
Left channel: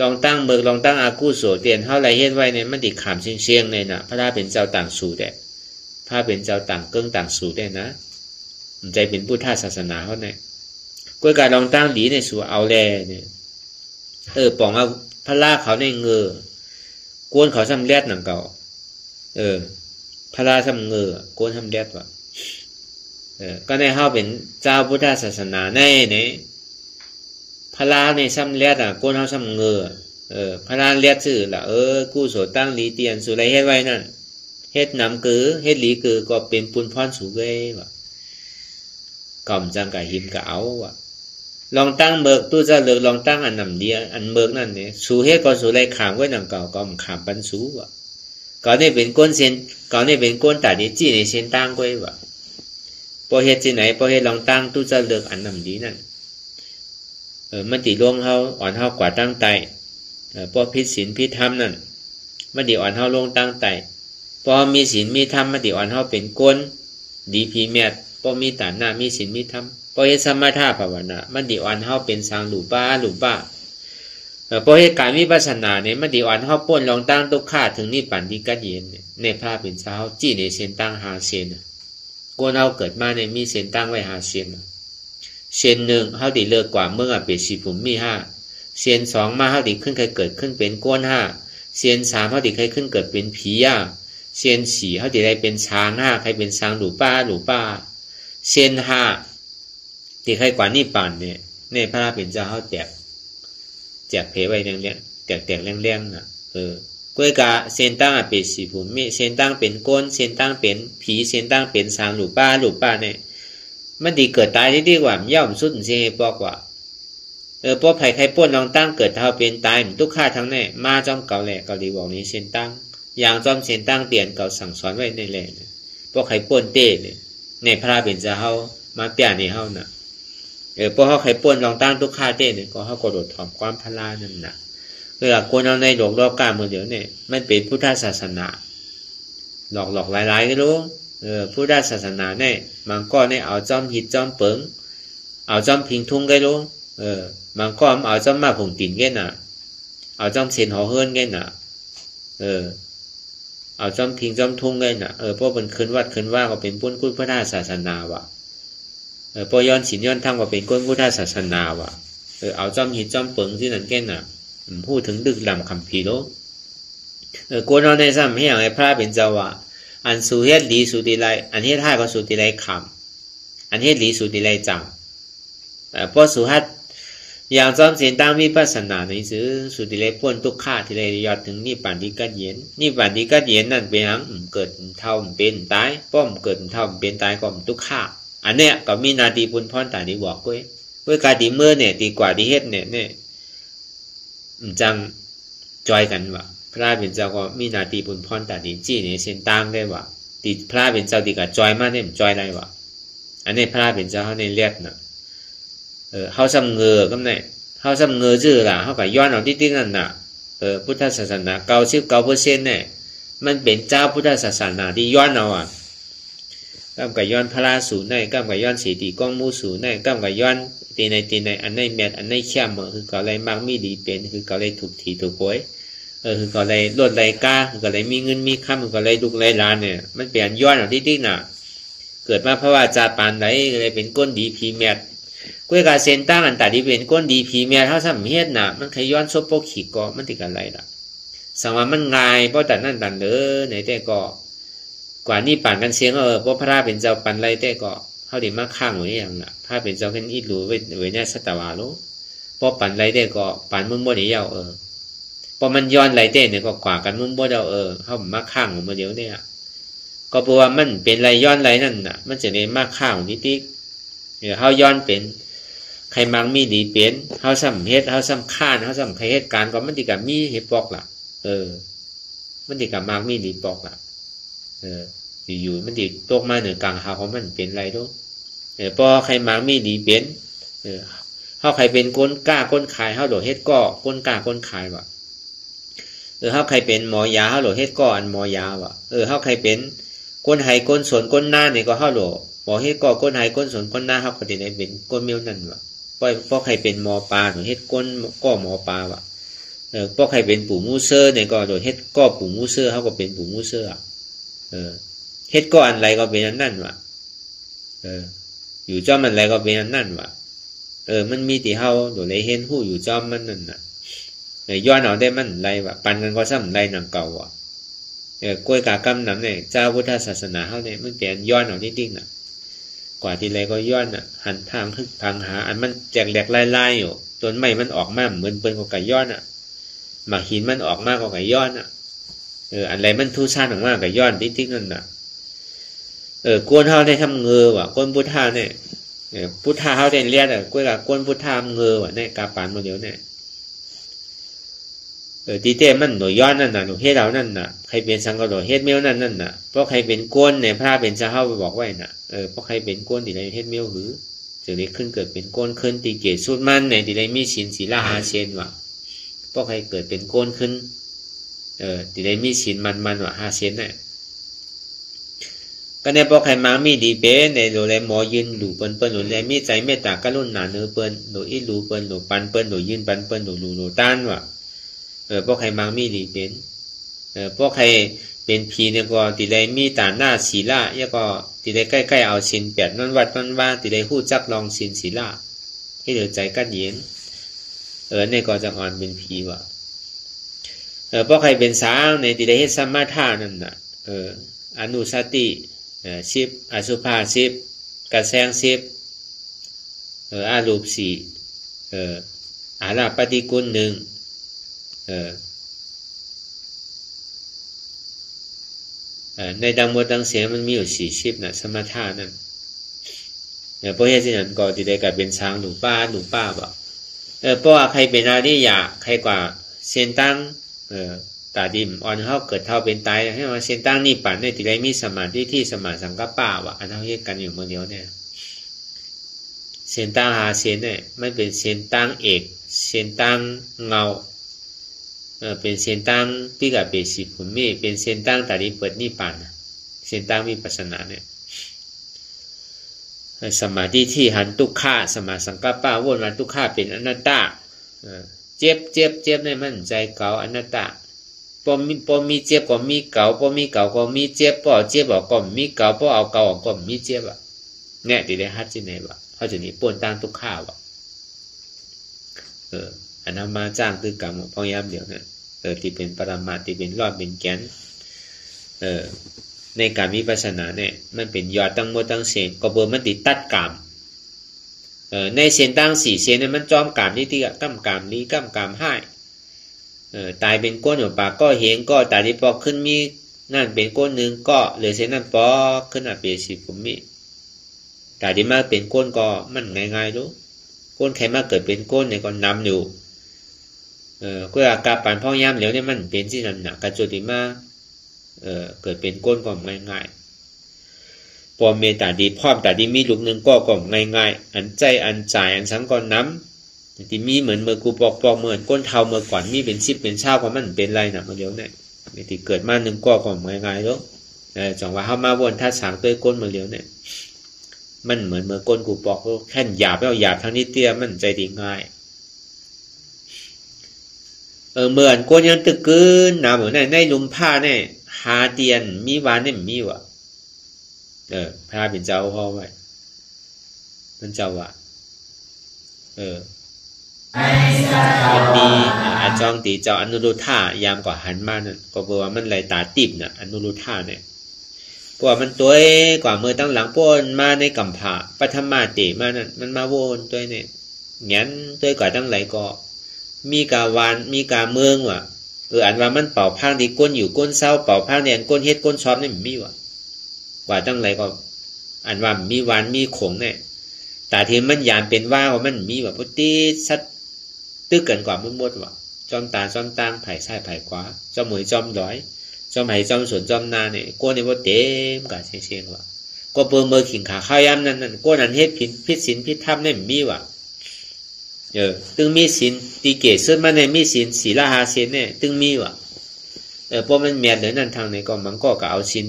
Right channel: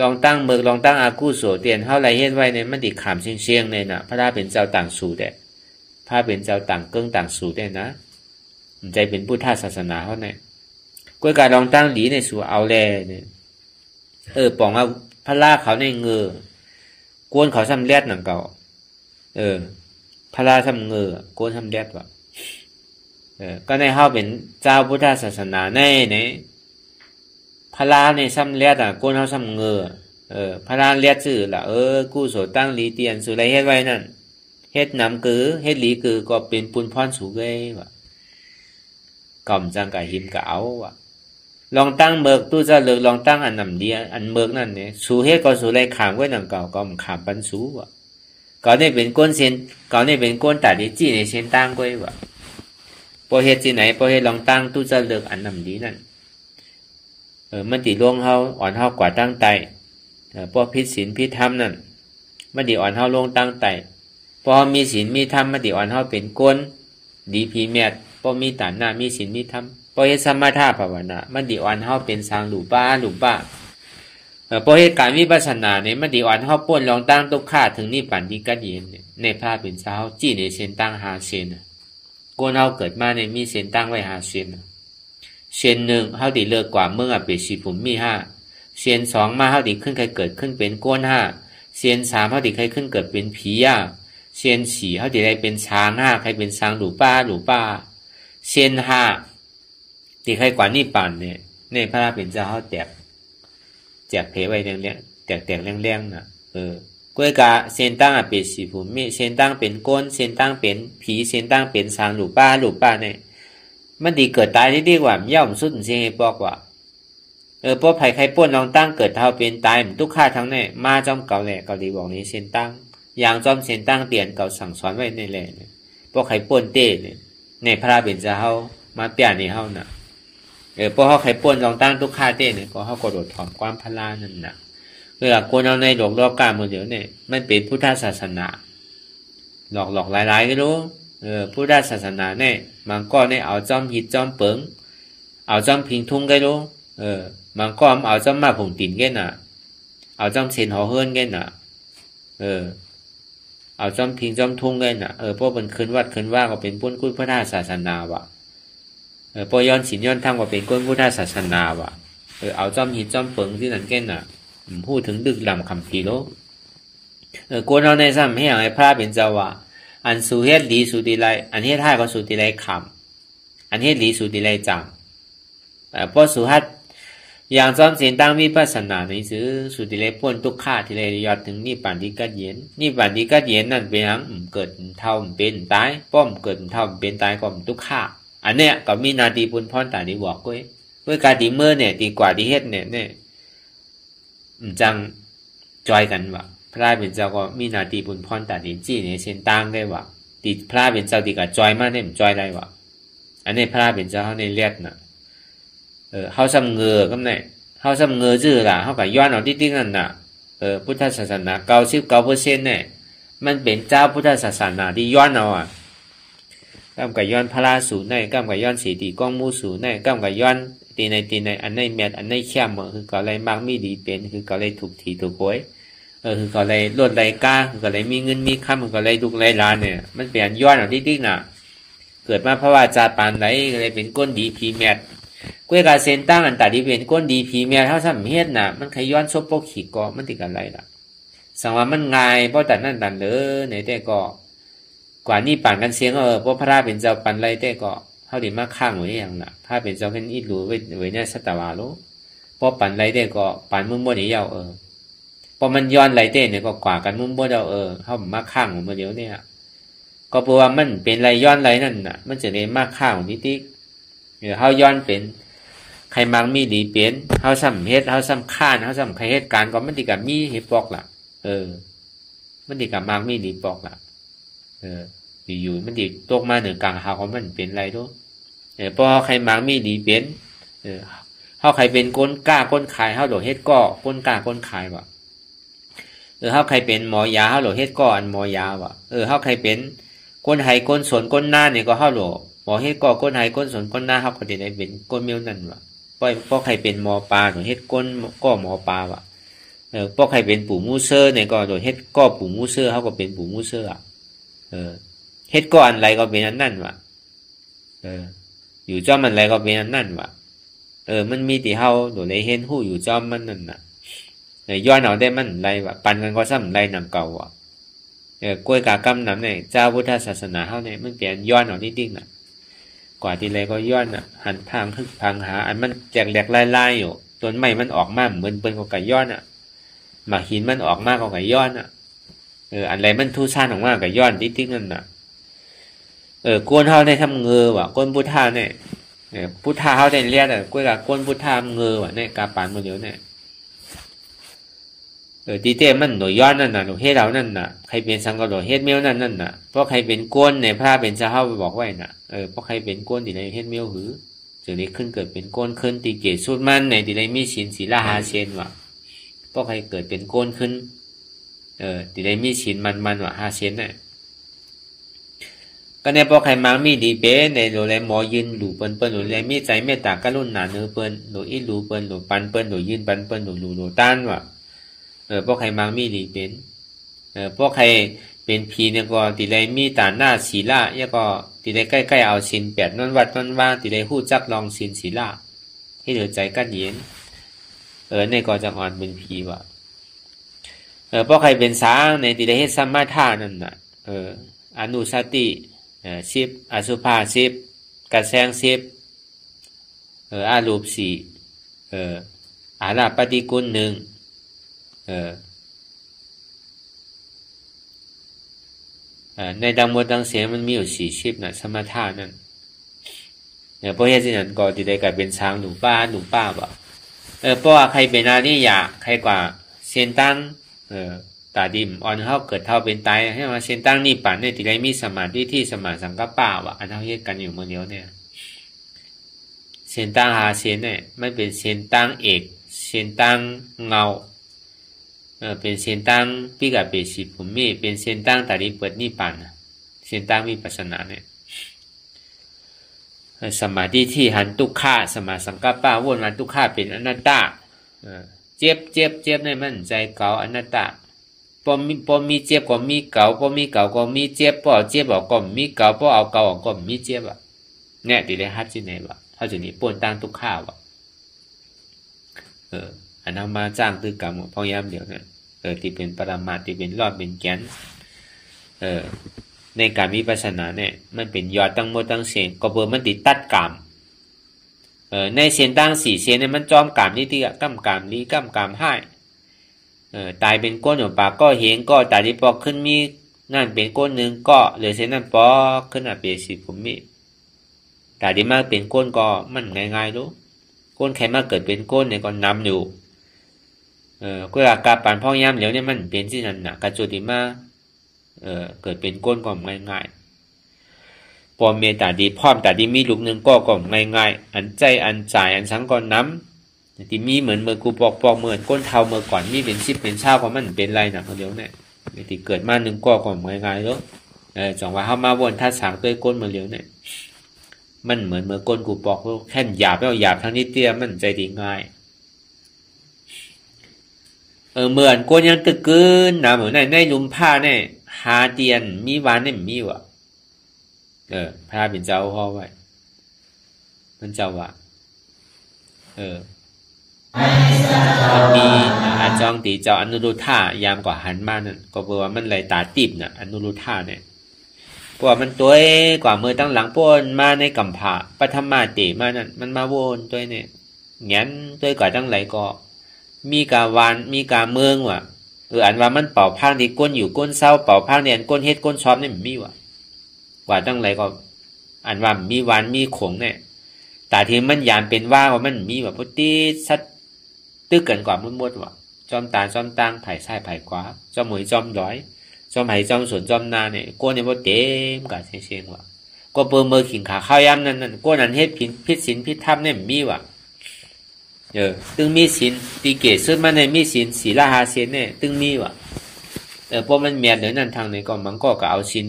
ลองตั้งเบิกลองตั้งอากุโสเตียนเฮาไรเฮ็ดไว้ในมันติขามเชียงๆเลยน่ะพระเป็นเจ้าต่างสู่ได้พระเป็นเจ้าต่างเกิ้งต่างสู่ได้นะใจเป็นพุทธศาสนาเฮาเนี่ยก้อยการลองตั้งหลีในสู่เอาแลเนี่ยปองว่าพระลาเขาในเงอกวนเขาซ้ำแลดหนังเก่าพระลาซ้ำเงอกวนซ้ำแลดว่ะก็ในเฮาเป็นเจ้าพุทธศาสนาในพระลาในซ้ำเลียดโกนเฮาซ้ำเงอพระลาเลียดชื่อล่ะกู้โสตั้งหลีเตียนสุไรเฮ็ดไว้นั่นเฮ็ดน้ำกือเฮ็ดหลีกือก็เป็นปุนพรสูเก้ว่ะก่อมจังกะหิมกะเอาว่ะลองตั้งเบิกตู้จะเลิกลองตั้งอันนำเดียอันเบิกนั่นเนี่ยสูเฮ็ดก็สูไรขามไว้นำเก่าก็ขามปันสูว่ะก็นี่เป็นก้นเส้นก็นี่เป็นก้นตัดนี่จี้ในเส้นตั้งก้อยว่ะพอเฮ็ดที่ไหนพอเฮ็ดลองตั้งตู้จะเลือกอันนำดีนั่นมันติล่วงเฮาอ่อนเฮากว่าตั้งใจพอพิศีลพิธรรมนั่นมันติอ่อนเฮาลงตั้งใจพอมีศีลมีธรรมมันติอ่อนเฮาเป็นก้นดีพีแมทพอมีฐานะมีศีลมีธรรมพอเฮ็ดสมถะภาวนามันติอ่อนเฮาเป็นสางหลูป้าพอเฮ็ดการวิปัสสนาเนี่ยมันติอ่อนเฮาพ้นลองตั้งทุกข้าถึงนิพพานที่กัดเย็นเนี่ยในพระเป็นเจ้าจี้ในเส้นตั้งหาเส้นกวนเฮาเกิดมาในมีเส้นตั้งไว้หาเส้นเส้นหนึ่งเฮาติเลิกกว่าเมื่อเป็นสีผมมี5เส้น2มาเฮาติขึ้นใครเกิดขึ้นเป็นก้น5เส้น3เฮาติใครขึ้นเกิดเป็นผีเส้น4เฮาติได้เป็นช้างใครเป็นช้างหลูป้าเส้น5ที่ใครกว่านิพพานเนี่ยในพระเป็นเจ้าเฮาแจกเพไว้แรงๆแตกๆแรงๆน่ะก้วยกะเส้นตั้งเป็นสีผมมีเส้นตั้งเป็นก้นเส้นตั้งเป็นผีเส้นตั้งเป็นช้างหลูป้าเนี่ยมันดีเกิดตายได้ดีกว่าย่อมสุดเสียบอกว่าพวกไผ่ไข่ป้นลองตั้งเกิดเท่าเป็นตายทุกข้าทั้งแน่มาจอมเก่าแหละเกาหลีบอกนี้เส้นตั้งอย่างจอมเส้นตั้งเตียนเก่าสั่งสอนไว้ในแหล่เนี่ยพวกไข่ป้นเต้เนี่ยในพระเป็นเจ้าเฮามาเปียในเฮาน่ะพวกเขาไข่ป้นลองตั้งทุกข้าเต้เนี่ยก็เฮากระโดดถอนความพลานั่นน่ะคนเอาในหลอกกามือเดียวเนี่ยมันเป็นพุทธศาสนาหลอกหลายๆก็รู้พุทธศาสนาเนี่ยมันก็เนี่ยเอาจอมหิดจอมเปิงเอาจอมพิงทุ่งก็รู้มันก็เอาจอมมาผงติ่นแก่น่ะเอาจอมเสียนหอเฮิรนแก่น่ะเอาจอมพิงจอมทุ่งแก่น่ะพวกมันคืนวัดคืนว่าก็เป็นพุทธศาสนาว่ะพอย้อนศีลย้อนธรรมก็เป็นพุทธศาสนาว่ะเอาจอมหิดจอมเปิงที่นั่นแก่น่ะพูดถึงดึกดำคำปีโลกูนเอาในซ้ำให้อย่างไรพระเป็นเจ้าว่าอันสู่เฮ็ดดีสู่ดีไรอันเฮ็ดให้ก็สู่ดีไรคำอันเฮ็ดดีสู่ดีไรจังพอสู่ฮัดอย่างจอมเสียนตั้งวิปัสสนาในซื้อสู่ดีไรพ้นทุกข้าที่ไรยอดถึงนิพพานที่กัดเย็นนิพพานที่กัดเย็นนั่นเป็นหยังเกิดเท่าเป็นตายป้อมเกิดเท่าเป็นตายก็ทุกข้าอันเนี้ยก็มีนาทีปุณพรตาดีบอกก้อยการดีเมื่อเนี่ยดีกว่าดีเฮ็ดเนี่ยจังจอยกันว่ะพระเป็นเจ้าก็มีนาทีบุญพรแต่ดีจี้เนี่ยเส้นตั้งได้ว่ะติพระเป็นเจ้าดีกับจอยมากเนี่ยจอยได้ว่ะอันนี้พระเป็นเจ้าเขาในเลียดน่ะเขาซ้ำเงือก็เนี่ยเขาซ้ำเงือชื่อล่ะเขากับย้อนเอาติ๊กนั่นน่ะพุทธศาสนา99%เนี่ยมันเป็นเจ้าพุทธศาสนาที่ย้อนเอา กำกับย้อนพระสูในกำกับย้อนสีตีก้องมูสูในกำกับย้อนตีในอันในแมทอันในเข้มคือก็เลยมักมีดีเป็นคือก็เลยถูกถีถูกโวยคือก็เลยลดไรก้าคือก็เลยมีเงินมีค่าคือก็เลยดุกไรล้านเนี่ยมันเปลี่ยนย้อนออกที่น่ะเกิดมาเพราะว่าจาปานไหลเลยเป็นก้นดีพีแมทกล้วยกาเซนตั้งอันแต่ที่เป็นก้นดีพีแมทเท่าสามเฮ็ดน่ะมันขย้อนซบโปขีก็มันติดกันไรล่ะสังว่ามันง่ายเพราะแต่นั่นตันเลยในแต่ก็กว่านี่ปั่นกันเสียงเพราะพระเป็นเจ้าปั่นไรแต่ก็เขาดีมากข้างไว้อย่างน่ะพระเป็นเจ้าแค่นี้รู้ไว้เนี่ยสัตวาโลเพราะปั่นไรแต่ก็ปั่นมุ่งบ่ได้ยาวพอมันย้อนไรแต่เนี่ยก็กว่ากันมุ่งบ่ได้เขามาข้างมาเดียวเนี่ยก็เพราะว่ามันเป็นไรย้อนไรนั่นน่ะมันจะได้มากข้างนิดนิดเนี่ยเขาย้อนเป็นใครมังมีดีเป็นเขาซ้ำเฮ็ดเขาซ้ำข้านเขาซ้ำใครเหตุการณ์ก็มันติกับมีเหตุปอกล่ะมันติกับมังมีดีปอกล่ะอยู่มันติตกมาเหนือกลางหาของมันเป็นไรด้วยพอใครมังมีดีเป็นเขาใครเป็นก้นกล้าก้นขายเขาโดดเฮ็ดก้อก้นกล้าก้นขายว่ะเขาใครเป็นหมอยาเขาโดดเฮ็ดก้ออันหมอยาว่ะเขาใครเป็นก้นไห้ก้นสนก้นหน้าเนี่ยก็เขาโดดหมอเฮ็ดก้อก้นไห้ก้นสนก้นหน้าเขาก็ได้เป็นก้นเมียวนั่นว่ะเพราะใครเป็นหมอปลาโดดเฮ็ดก้นก้อหมอปลาว่ะเพราะใครเป็นปู่มูเซอร์เนี่ยก็โดดเฮ็ดก้อปู่มูเซอร์เขาก็เป็นปู่มูเซอร์เฮ็ดก้ออันไรก็เป็นอันนั่นว่ะอยู่จอมมันไรก็เป็นอันนั่นว่ะมันมีที่เฮาโดดเลยเห็นหู้อยู่จอมมันนั่นน่ะย้อนเอาได้มันไรว่ะปันกันก็ซ้ำไรนำเก่าว่ะกล้วยกากำนำเนี่ยเจ้าพุทธศาสนาเฮาเนี่ยมันเปลี่ยนย้อนเอานิดนึงน่ะกว่าที่ไรก็ย้อนน่ะหันพังคึกพังหาอันมันแจกแหลกไล่ๆอยู่ต้นไม้มันออกมาเหมือนเปิ้นก็ไก่ย้อนน่ะหมากหินมันออกมาก็ไก่ย้อนน่ะอันไรมันทุซ่านออกมาก็ย้อนนิดนึงนั่นน่ะกวนเฮาได้ทำเงือว่ะกวนพุทธาเนี่ยพุทธาเฮาได้เรียกกล้วยกวนพุทธาเงือว่ะเนี่ยกาปานมื้อเดียวเนี่ยตีเต้มันหน่วยย้อนนั่นน่ะหน่วยเฮ็ดเอานั่นน่ะใครเป็นสังก็หน่วยเฮ็ดเมียวนั่นน่ะเพราะใครเป็นก้นเนี่ยพระเป็นเจ้าเฮาไปบอกไว้น่ะเพราะใครเป็นก้นที่ได้เฮ็ดเมียวหือจะได้ขึ้นเกิดเป็นก้นขึ้นตีเกศสุดมันเนี่ยที่ได้มีศีลศีลา5เชนว่ะเพราะใครเกิดเป็นก้นขึ้นที่ได้มีศีลมันว่ะ5เชนเนี่ยก็เนี่ยพอใครมามีดีเป้ในโดยหมอยืนหลู่เปิ้นหลู่เลยมีใจเมตตากรุณาเนื้อเปิ้นหลู่อีหลู่เปิ้นหลู่ปันเปิ้นหลู่ยืนปันเปิ้นหลู่หลู่ต้านว่ะพวกใครมามีดีเป็นพวกใครเป็นผีเนี่ยก็ติเลยมีตาหน้าศีลาเนี่ยก็ติเลยใกล้ๆเอาศีล8นั่นวัดนั่นว่าติเลยฮู้จักลองศีลศีลาให้เดือดใจกันเย็นเนี่ยก็จะอ่อนเป็นผีว่ะพวกใครเป็นสางในติเลยเฮ็ดสัมมาทานั่นน่ะอนุสติ10อสุภา10กระแสง10อารูป4อาราปฏิกุล1ในดังหมดดังเสียงมันมีอยู่40น่ะสมถะนั่นเพราะเหตุนั้นก็ที่ได้กลายเป็นช้างหนูป้าบ่เพราะว่าใครเป็นอริยะใครกว่าเส้นตั้งตาดิมอ่อนเฮาเกิดเท่าเป็นตายให้ว่าเส้นตั้งนี่ป่านเนี่ยที่ได้มีสมาธิที่สมาสังกัปปะว่ะอันเฮาเฮ็ดกันอยู่มื้อเดียวเนี่ยเส้นตั้งหาเส้นเนี่ยมันเป็นเส้นตั้งเอกเส้นตั้งเงาเป็นเส้นตั้งที่กับเป็นสิภูมิเป็นเส้นตั้งตาดิเปิดนิพพานเส้นตั้งวิปัสสนาเนี่ยสมาธิที่หันทุกขาสมาสังกัปปะวนวันทุกขาเป็นอนัตตาเจ็บในมันใจเก่าอนัตตาพอมีเจ็บก็มีเก่าพอมีเก่าก็มีเจ็บพอเจ็บก็มีเก่าพอเอาเก่าก็มีเจ็บเนี่ยที่ได้ฮัดที่ไหนวะเขาจะนี่ปนตั้งทุกขาวะอันนั้นมาจ้างคือกรรมพยายามเดี๋ยวเนี่ยที่เป็นปรมาที่เป็นรอดเป็นแกนในการวิปัสสนาเนี่ยมันเป็นยอดตั้งหมดตั้งเสียงก็เบอร์มันติดตัดกรรมในเส้นตั้ง4เส้นเนี่ยมันจอมกรรมนี่ที่กำกรรมนี้กำกรรมให้ตายเป็นก้นอยู่ปากก็เห็นก็ตายที่ปอกขึ้นมีนั่นเป็นก้นหนึ่งก็เหลือเส้นนั้นปอกขึ้นอ่ะเป็นสิผมมีตายที่มาเป็นก้นก็มันง่ายๆรู้ก้นใครมาเกิดเป็นก้นเนี่ยก็นำอยู่ก็อาการปั่นพ่อย่ำเหลวเนี่ยมันเป็นที่นั่นน่ะกระจุติมาเกิดเป็นก้นก็ง่ายๆพอเมตตาดีพร้อมแต่ดีมีลูกหนึ่งก็ง่ายๆอันใจอันจ่ายอันสังก่อนน้ำที่มีเหมือนเมื่อกูปอกเหมือนก้นเทาเมื่อก่อนมีเป็น10เป็นเช้าก็มันเป็นไรน่ะเมื่อเดียวเนี่ยที่เกิดมาหนึ่งก็ง่ายๆแล้ว จังว่าเฮามาวนท่าสางด้วยก้นมาเหลียวเนี่ยมันเหมือนเมื่อก้นกูบอกว่าแค่หยาบแล้วหยาบทั้งนี้เตี้ยมันใจดีง่ายเหมือนก้นยังตึกกืนนะเหมือนในลุมผ้าเนี่ยหาเตียนมีวานนี่มีวะพระเป็นเจ้าพ่อไว้มันเจ้าว่ามันมีอาจองตีเจ้าอนุรุทธายามกว่าหันมานั่นก็เพราะว่ามันไหลตาติบเนี่ยอนุรุทธาเนี่ยเพราะว่ามันตัวกว่ามือตั้งหลังป้นมาในกัมพะปฐมาเตมานั่นมันมาวนตัวเนี่ยงั้นตัวกว่าตั้งไหลก็มีกาวานมีกาเมืองว่ะอันว่ามันเป่าพางดีก้นอยู่ก้นเศร้าเป่าพางเดียนก้นเฮ็ดก้นชอบนี่มันมีว่ะกว่าตั้งไหลก็อันว่ามีวานมีขงเนี่ยแต่ที่มันยานเป็นว่ามันมีแบบพุทธิสัตตึกกันกว่ามันหมดว่ะจอมตาจอมตังไผ่ซ้ายไผ่ขวาจอมหมวยจอมย้อยจอมไผ่จอมสวนจอมนาเนี่ยก้นเนี่ยว่าเต็มกะเชียงว่ะก็เปิงเมื่อขิงขาข้าวยำนั่นก้นอันเฮ็ดพิษศีลพิษธรรมเนี่ยมีว่ะตึงมีศีลตีเกศซึ่งมันในมีศีลศีลหาศีลเนี่ยตึงมีว่ะพวกมันเมียนเลยนั่นทางไหนก็มันก็เอาศีล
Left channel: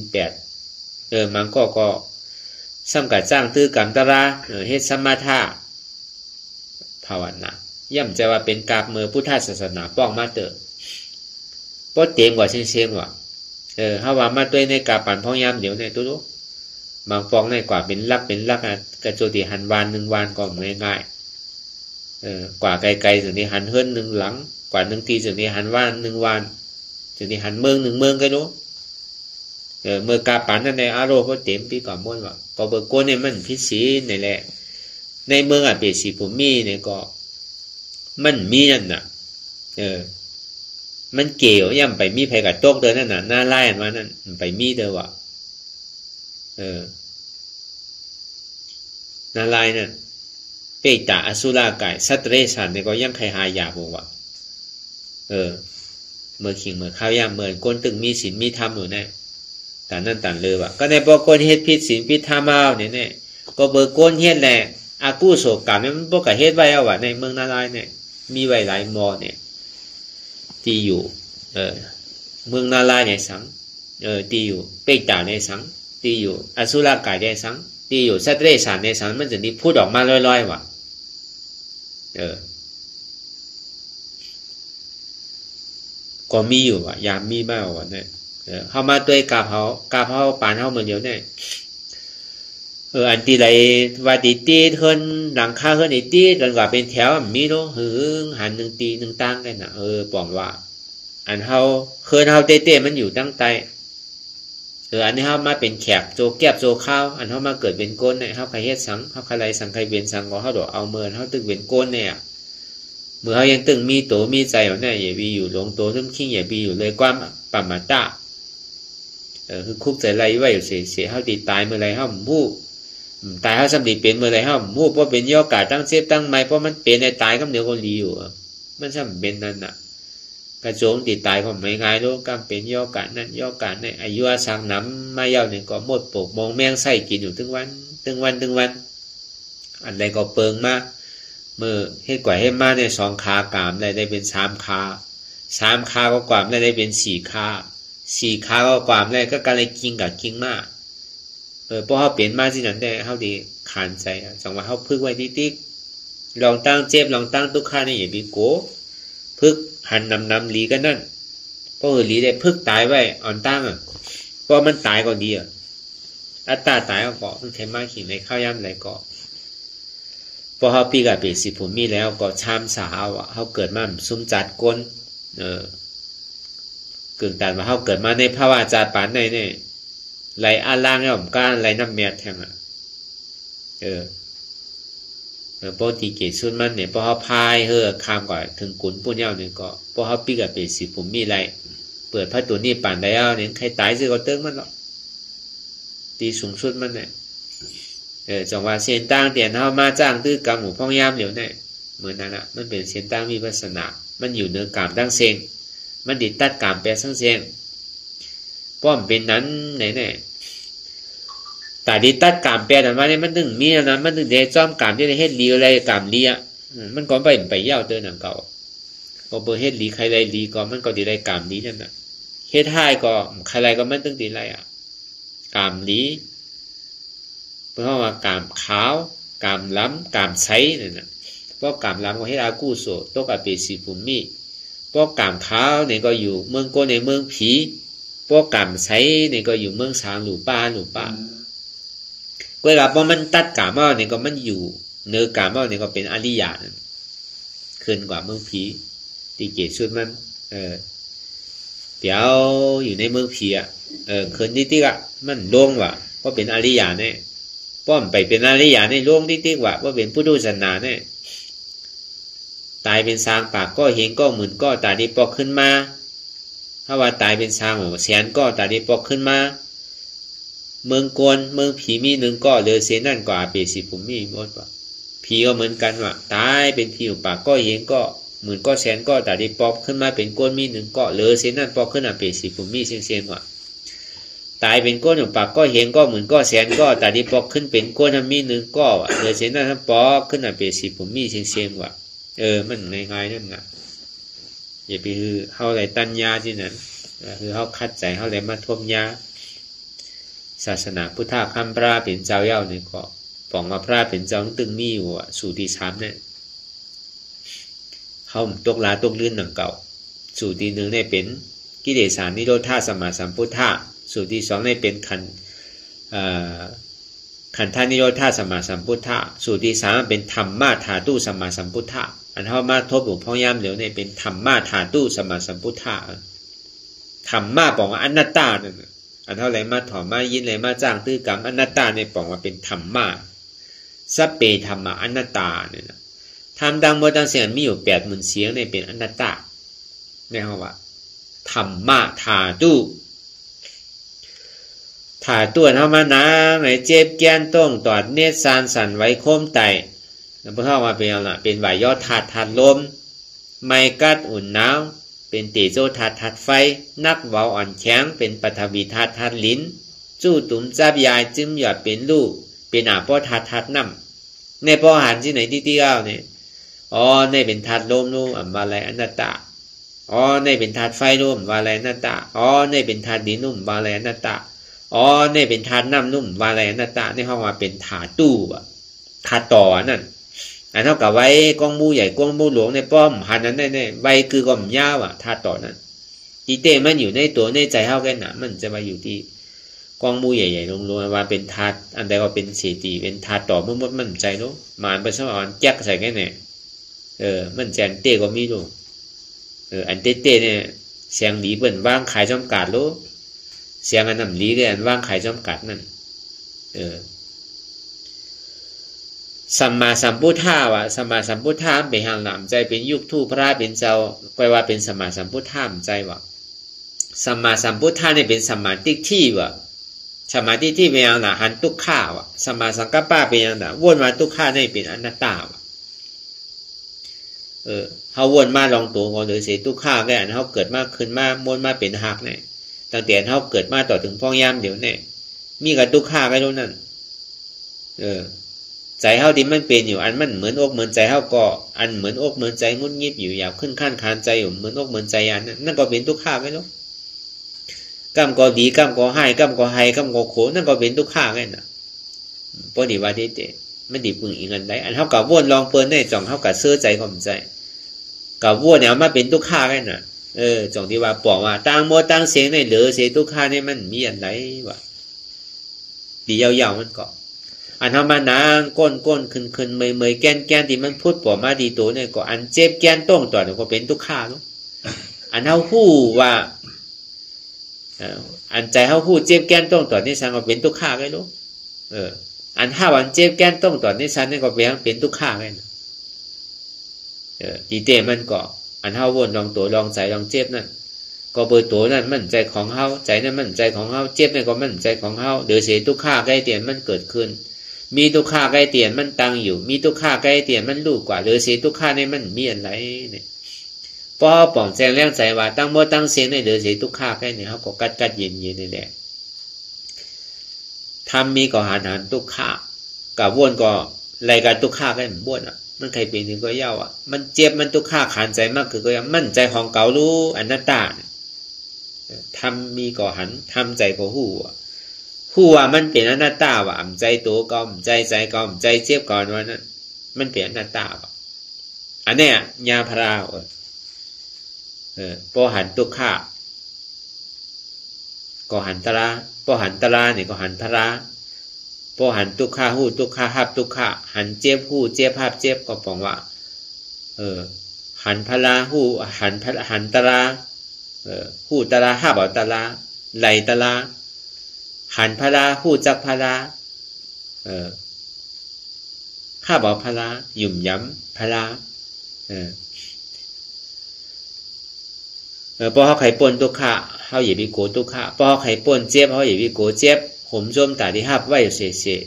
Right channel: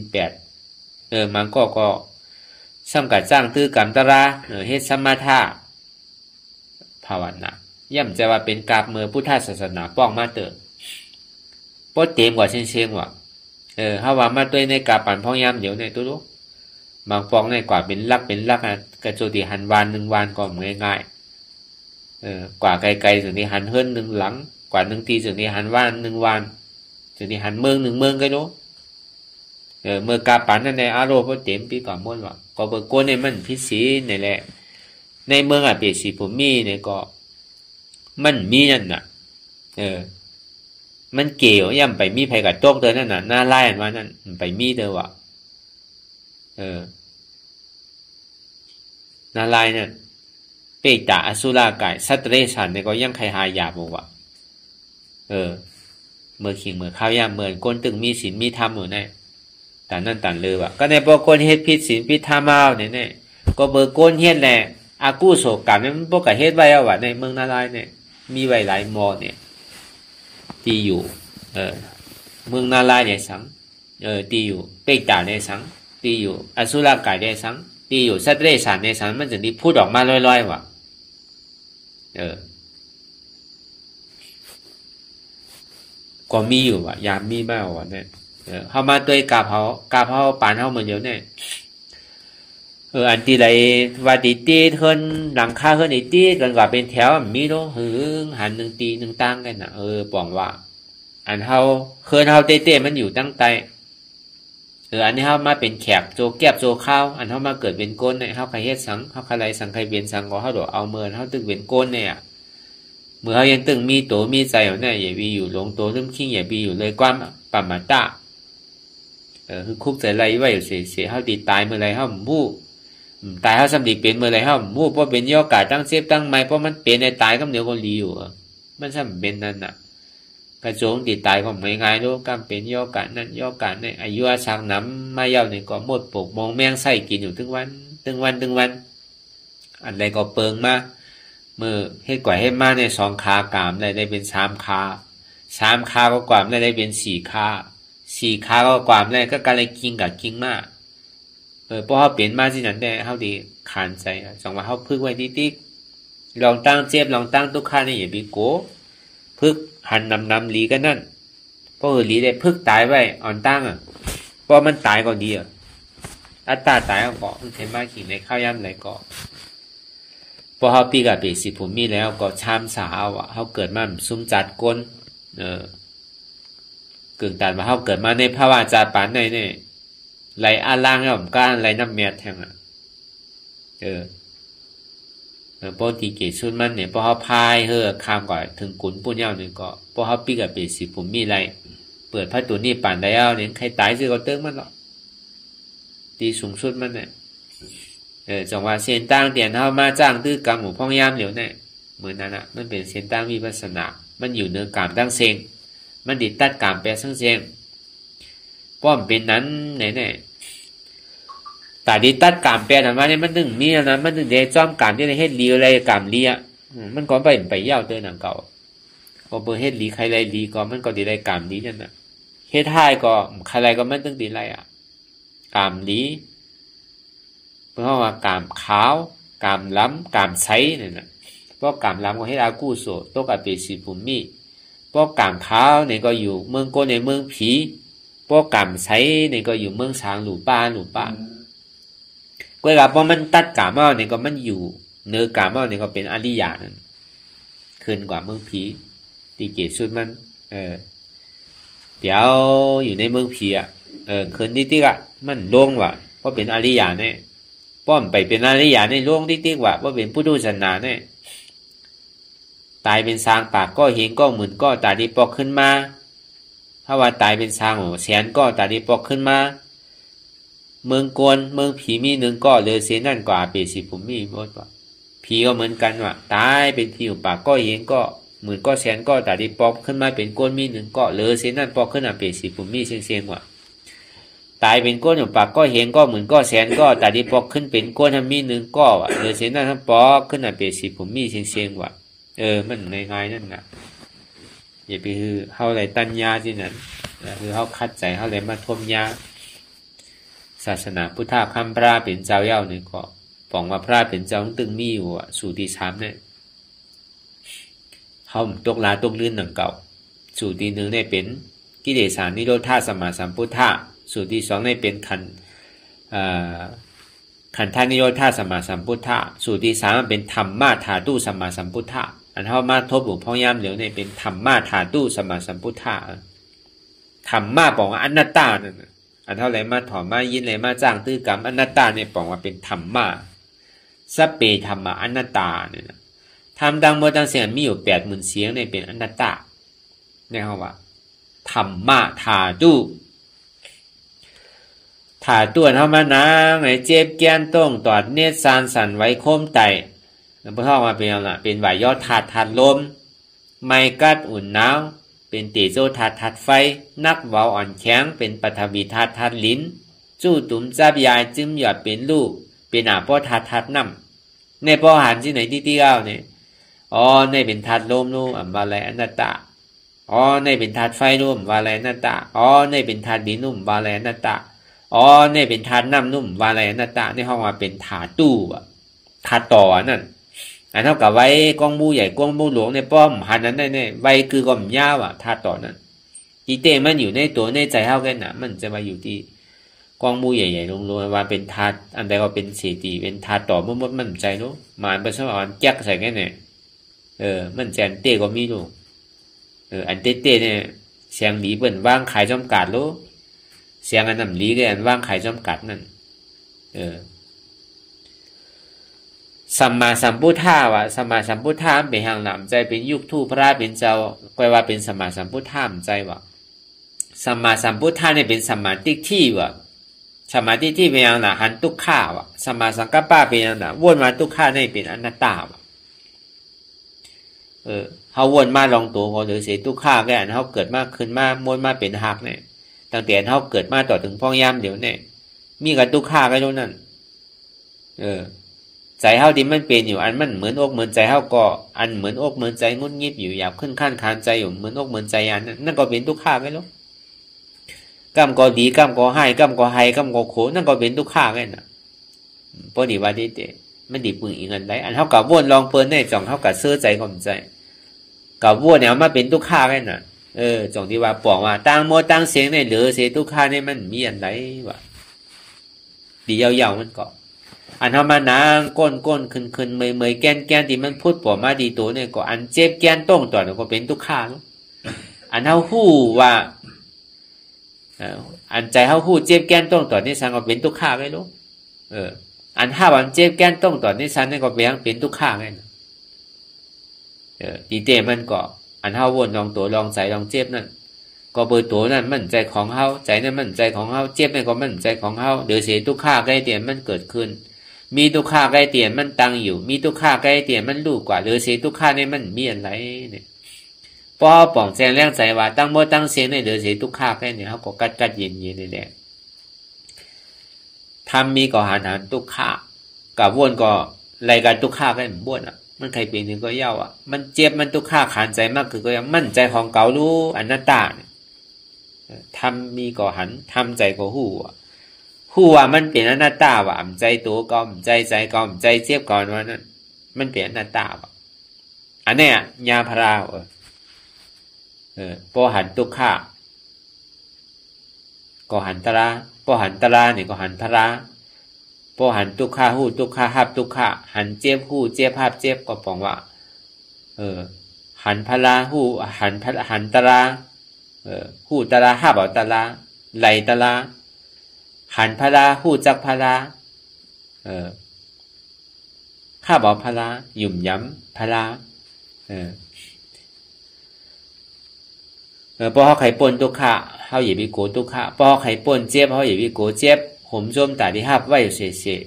8มันก็ซ้ำกับจ้างตื้อกรรมตราเฮ็ดสมาธาภาวนาย่ำใจว่าเป็นกาบเมื่อพุทธศาสนาป้องมาเติมป้อเต็มกว่าเชียงว่ะเฮาว่ามาตัวในกาปันพ่อยามเดี๋ยวในตัวรู้บางปองในกว่าเป็นลักกระโจติหันวาน1วันก็ง่ายกว่าไกลๆถึงนี้หันเฮิรน1หลังกว่า1ทีถึงนี้หันว่าน1วันถึงนี้หันเมือง1เมืองก็รู้เมื่อกาปันนั่นในอารมณ์ก็เต็มปีก่อนม้วนว่ะก็เบิกโกนเนี่ยมันพิศีนี่แหละในเมืองเปรตสีผมมีเนี่ยก็มันมีนั่นน่ะมันเกี่ยวย่ำไปมีไผกับโต๊ะเดินนั่นน่ะหน้าไล่มานั่นไปมีเด้อว่ะหน้าไล่นั่นเปตาอสุรากายสัตเรชันเนี่ยก็ย่ำใครหายาบอกว่าเมื่อขิงเมื่อข้าวย่ำเมื่อก้นตึงมีศีลมีธรรมอยู่แน่แต่นั่นต่างเลยว่ะก็ในพอก้นเฮ็ดพิษศีลพิษธรรมเอาเนี่ยก็เบอร์ก้นเฮ็ดแหละอากูโศกกรรมเนี่ยมันพวกกับเฮ็ดไว้เอาว่ะในเมืองนาลายเนี่ยมีไว้หลายมอเนี่ยที่อยู่เมืองนาลายในสังที่อยู่เปกตาในสังที่อยู่อสุรกายในสังที่อยู่สัตเรศานในสังมันจะนี่พูดออกมาลอยๆว่ะก็มีอยู่ว่ะยามมีมากว่ะเนี่ยเฮามาด้วยกาเผาปานเฮาเหมือนเดียวเนี่ยอันที่ไรว่าตีเทินหลังคาเฮินตีกันกว่าเป็นแถวมีเนาะหัน1ตี1ตั้งกันน่ะปองว่าอันเฮาเฮินเฮาเต้มันอยู่ตั้งใต้อันนี้เฮามาเป็นแขกโจแก็บโจข้าวอันเฮามาเกิดเป็นก้นเนี่ยเฮาใครเฮ็ดสังเฮาใครไรสังใครเวียนสังก็เฮาดอกเอาเมินเฮาตึกเป็นก้นเนี่ยเมื่อเฮายังตึงมีโตมีใจอยู่เนี่ยอย่ามีอยู่หลงโตซึมขี้อย่ามีอยู่เลยความปัมมาตะคือคุกใจไรไว้อยู่เสียเฮาตีตายเมื่อไรเฮาบู้ตายเฮาสำลีเป็นเมื่อไรเฮาบู้เพราะเป็นย่อกาตั้งเซฟตั้งไม้เพราะมันเป็นในตายก็เดี๋ยวก็รีอยู่มันซ้ำเป็นนั่นน่ะกระโจงตีตายก็ไม่ง่ายรู้กำเป็นย่อกานั่นย่อกาเนี่ยอายุอาชังน้ำมาเย้าเนี่ยก็หมดปกมองแมงไส้กินอยู่ถึงวันอันใดก็เปิงมาเมื่อเฮ็ดกว่าเฮ็ดมาเนี่ย2ขากามได้เป็น3ขาก็กวามได้เป็น4ขาก็กวามได้ก็การเลยกินกับกินมากเพราะเฮาเปลี่ยนมาที่นั้นได้เฮาดีขานใจจังว่าเฮาพึกไว้ติ๊กลองตั้งเจ็บลองตั้งทุกข์นี่อย่าไปโกพึกหันนำลีกันนั่นเพราะลีได้พึกตายไว้อ่อนตั้งเพราะมันตายก่อนดีอัตตาตายก็เทมาขิงในข้าวยำไหนก็พอเฮาปีกับปี10ผมมีแล้วก็ชามสาวเฮาเกิดมาซุ่มจัดก้นกึ่งตันว่าเฮาเกิดมาในภาวะจาปานในนี่ไหลอาล่างเนี่ยผมก้านไหลน้ำเมียดแทงพอตีเกศสุดมันเนี่ยพอเขาพายข้ามก่อนถึงกุนปุ่นเย้าเนี่ยก็พอเขาปีกับปี10ผมมีไรเปิดพระตัวนี้ป่านได้เอาเนี่ยใครตายสิก็เติ้งมันหรอกตีสูงสุดมันเนี่ยจังว่าเส้นตั้งเตียนเฮามาจ้างตื้อกรรมหมู่พ่องยามเหลียวเนี่ยเหมือนนั้นน่ะมันเป็นเส้นตั้งมีลักษณะมันอยู่เนื้อกามตั้งเซงมันดิตัดกามแปรทั้งเซงป้อมเป็นนั้นไหนแต่ดิตัดกามแปรแต่ว่าเนี่ยมันถึงมีนะมันถึงได้จ้อมกามที่ได้เฮ็ดลีอะไรกามลีมันก็ไปยาวเดินหนังเก่าก็บ่เฮ็ดลีใครไรลีก็มันก็ดีไรกามลีนั่นน่ะเฮ็ดให้ก็ใครไรก็ไม่ต้องดีไร กามหลีเพราะว่ากามขาวกามล้ำกามใสเนี่ยนะเพราะกามล้ำก็ให้อากูโสตกอเปสีภูมิเพราะกามขาวเนี่ยก็อยู่เมืองโกในเมืองผีเพราะกามใสเนี่ยก็อยู่เมืองสางหลู่ป้าก็เพราะมันตัดกามเอาเนี่ยก็มันอยู่เนื้อกามเอาเนี่ยก็เป็นอริยะนั่นขึ้นกว่าเมืองผีตีเกศสุดมันเดี๋ยวอยู่ในเมืองผีอ่ะคืนที่อ่ะมันโล่งว่ะเพราะเป็นอริยะเนี่ยป้อมไปเป็นอริยะในโล่งที่ว่ะว่าเป็นพุทธศาสนาเนี่ยตายเป็นสางปากก็เห็นก็หมื่นก็ตาดีปอกขึ้นมาถ้าว่าตายเป็นสางแสนก็ตาดีปอกขึ้นมาเมืองโกนเมืองผีมีหนึ่งก็เลยเสียนั่นกว่าเปสิผมมีหมดว่ะผีก็เหมือนกันว่ะตายเป็นผีปากก็เห็นก็หมื่นก็แสนก็ตาดีปอกขึ้นมาเป็นโกนมีหนึ่งก็เลยเสียนั่นปอกขึ้นมาเปสิผมมีเสียงว่ะตายเป็นก้นปากก็เห็นก็หมื่นก็แสนก็ตาดีปอกขึ้นเป็นก้นมีหนึ่งก็ว่ะเลยเสียนั่นทั้งปอกขึ้นมาเปสิผมมีเสียงว่ะมันง่ายๆนั่นนะอย่าไปคือเขาอะไรตัญญาที่นั้นคือเขาคัดใจเขาอะไรมาทมยาศาสนาพุทธคำพระเป็นเจ้าเย่าเนี่ยก็บอกว่าพระเป็นเจ้าตึงมีอยู่สู่ที่สามเนี่ยเขาตกลาตกลื่นหนังเก่าสู่ที่หนึ่งเนี่ยเป็นกิเลสานิโรธาสมาสัมพุทธะสู่ที่สองเนี่ยเป็นขันธานิโรธาสมาสัมพุทธะสู่ที่สามเป็นธรรมมาธาตุสมาสัมพุทธะอันเท่ามาทบหลวงพ่อย่ำเหลียวเนี่ยเป็นธรรมมาธาตุสมาสัมพุทธะธรรมมาบอกว่าอนัตตาเนี่ยอันเท่าไรมาถอมมายินไรมาจ้างตื้อกรรมอนัตตาเนี่ยบอกว่าเป็นธรรมมาสัพเพธรรมะอนัตตาเนี่ยธรรมดังโมดังเสียงมีอยู่80,000เสียงเนี่ยเป็นอนัตตาเนี่ยเขาว่าธรรมะธาตุถาตัวเท่ามานางไหนเจ็บแก้นต้องตอดเนตรสานสันไว้โคมไตแล้วพอเข้ามาเป็นอะไรเป็นไหวยอดถาดลมไม่กัดอุ่นหนาวเป็นเตโจถาดไฟนักเว้าอ่อนแข็งเป็นปฐวีถาดลิ้นจู้ตุ่มจับยายจิ้มหยอดเป็นลูกเป็นอาป้อถาดน้ำในป้อหันที่ไหนที่เอาเนี่ยอ๋อในเป็นถาดลมนู่นว่าอะไรอนัตตาอ๋อในเป็นถาดไฟนู่นว่าอะไรอนัตตาอ๋อในเป็นถาดดินนู่นว่าอะไรอนัตตาอ๋อเนี่ยเป็นถาดน้ำนุ่มวาอะไรนัตตาในห้องมาเป็นถาดตู้ถาดต่อนั่นอันเท่ากับไว้กองมูใหญ่กองมูหลวงในป้อมหันนั้นได้ไว้คือกอมยาวถาดต่อนั้นจีเต้มันอยู่ในตัวในใจเท่ากันนะมันจะมาอยู่ที่กองมูใหญ่ๆลงมาเป็นถาดอันใดว่าเป็นเศษตีเป็นถาดต่อมันใจเนาะมาเป็นสมองแจ๊กใส่แค่ไหนมันแจงเต้ก็มีลูกอันเต้เนี่ยเสียงหลีเปิ่นว่างขายจำกัดลูกเสียงอันนั้นลีก็อันว่างขายจำกัดนั่นสัมมาสัมพุทธะวะสัมมาสัมพุทธะเป็นหางหนำใจเป็นยุคทูพระเป็นเจ้าก็ว่าเป็นสัมมาสัมพุทธะใจวะสัมมาสัมพุทธะเนี่ยเป็นสัมมาทิฏฐิวะสัมมาทิฏฐิเป็นหางหนาหันทุกข้าวะสัมมาสังกัปปะเป็นหางหนาวนมาทุกข้าเนี่ยเป็นอนัตตาวะเขาวนมาลองตัวเขาหรือเสียทุกข้าก็อันเขาเกิดมากขึ้นมากวนมาเป็นหักเนี่ยตั้งแต่เขาเกิดมาต่อถึงพ่อย่ำเดี๋ยวเนี่ยมีกับทุกข้าก็รู้นั่นใจเขาที่มันเป็นอยู่อันมันเหมือนอกเหมือนใจเขาก็อันเหมือนอกเหมือนใจงุ่นงิบอยู่หยาบขึ้นขั้นคานใจอยู่เหมือนอกเหมือนใจอันนั่นก็เป็นทุกข้าก็รู้กำก็ดีกำก็ให้กำก็ให้กำก็โขนั่นก็เป็นทุกข้าก็น่ะพอดีว่าที่เตมันดีปึงอีกอันใดอันเขากับวนลองเปิลได้จ่องเขากับเสื้อใจความใจกับวนเนี่ยมาเป็นทุกข้าก็น่ะจงที่ว่าบอกว่าตั้งโมตั้งเสียงในเหลือเสียทุกข้านี่มันมีอันไหนวะดียาวๆมันก็อันทำมานางก้นขึ้นเมยแก้นที่มันพูดปอมาดีตัวเนี่ยก็อันเจ็บแก้นต้องต่อเนี่ยก็เป็นทุกข้าเนาะอันเฮาคู่ว่าอันใจเฮาคู่เจ็บแก้นต้องต่อนี่สังก็เป็นทุกข้าเลยเนาะอันถ้าวันเจ็บแก้นต้องต่อนี่สังนี่ก็เป็นทุกข้าเลยดีเตมันก็อันเฮาวนลองตัวลองใจลองเจ็บนั่นก็เปิดตัวนั่นมันใจของเฮาใจนั่นมันใจของเฮาเจ็บนั่นก็มันใจของเฮาเดี๋ยวเสียทุกข้าใกล้เตียนมันเกิดขึ้นมีทุกข้าใกล้เตียนมันตั้งอยู่มีทุกข้าใกล้เตียนมันรู้กว่าเดี๋ยวเสียทุกข้านี่มันมีอะไรเนี่ยพอป่องแจงแรงใจว่าตั้งโมตั้งเสียงในเดี๋ยวเสียทุกข้าใกล้เนี่ยเขาก็กัดเย็นนี่แหละทำมีก็หันทุกข้ากับวนก็รายการทุกข้าใกล้เหมือนบ้วนมันใครเป็นถึงก็เย่ามันเจ็บมันทุกข้าขานใจมากคือก็ยังมั่นใจของเก่ารู้อนัตตาทำมีก็หันทำใจก็หู้ ฮู้ว่ามันเป็นอนัตตาว่าใจตัวก็ใจก็ใจเจ็บก่อนว่านั้นมันเป็นอนัตตาว่าอันเนี้ยญาพราปอหันทุกขะก็หันตระปอหันตระนี่ก็หันพระปอหันทุกขะฮู้ทุกขะหับทุกขะหันเจ็บฮู้เจ็บหับเจ็บก็ปองว่าหันพระฮู้หันตระฮู้ตระหับเอาตระไหลตระหันพระฮู้จักพระหับเอาพระหยุ่มย้ำพระพอเขาไข่ป่นทุกขะเขาอย่าไปโกทุกขะพอเขาไข่ป่นเจ็บเขาอย่าไปโกเจ็บผมจมตาที่หับไว้เสีย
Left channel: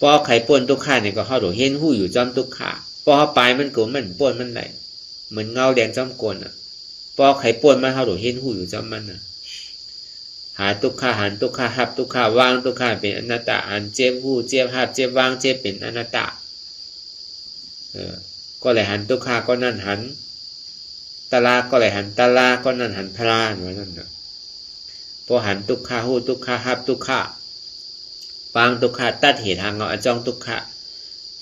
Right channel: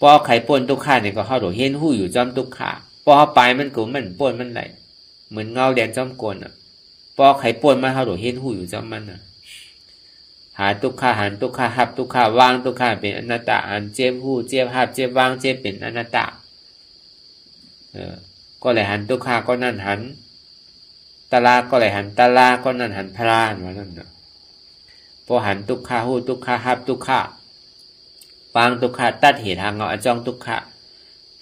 พอไข่ป่นทุกขะเนี่ยก็เขาโดดเห็นหู้อยู่จอมทุกขะพอเขาไปมันโกมันป่นมันไหลเหมือนเงาแดงจอมกลพอไข่ป่นมันเขาโดดเห็นหู้อยู่จอมมันหาทุกขะหันทุกขะหับทุกขะวางทุกขะเป็นอนัตตาอันเจ็บหู้เจ็บหับเจ็บวางเจ็บเป็นอนัตตาก็เลยหันทุกขะก็นั่นหันตลาก็เลยหันตลาก็นั่นหันพลานว่านั่นน่ะพอหันทุกขะฮู้ทุกขะหับทุกขะปางทุกขะตัดเหตุทางเอาจ้องทุกขะ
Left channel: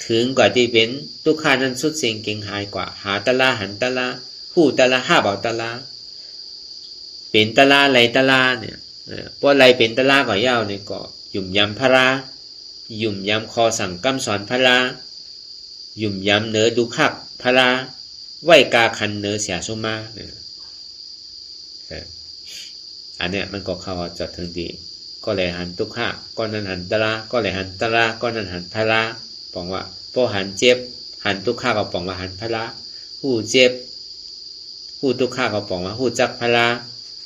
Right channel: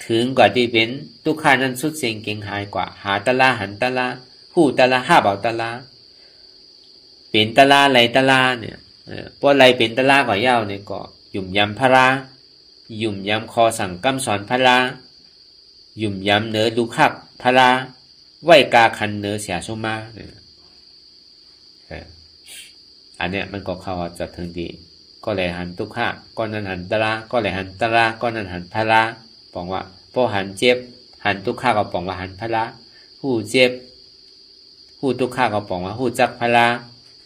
ถึงกว่าที่เป็นทุกขะนั้นสุดเสียงเก่งหายกว่าหาตลาหันตลาฮู้ตลาหับเอาตลาเป็นตลาไหลตลาเนี่ยพอไหลเป็นตลาก็ยาวเนี่ยก็หยุ่มยำพระหยุ่มยำคอสั่งกำสอนพระหยุ่มยำเนื้อดูคักพระไหวกาคันเนื้อเสียชมาอันเนี้ยมันก็เข้าจะถึงดีก็เลยหันทุกขะก็นั้นหันตระก็เลยหันตระก็นั้นหันพระบอกว่าพอหันเจ็บหันทุกขะก็บอกว่าหันพระผู้เจ็บผู้ทุกขะก็บอกว่าผู้จักพระ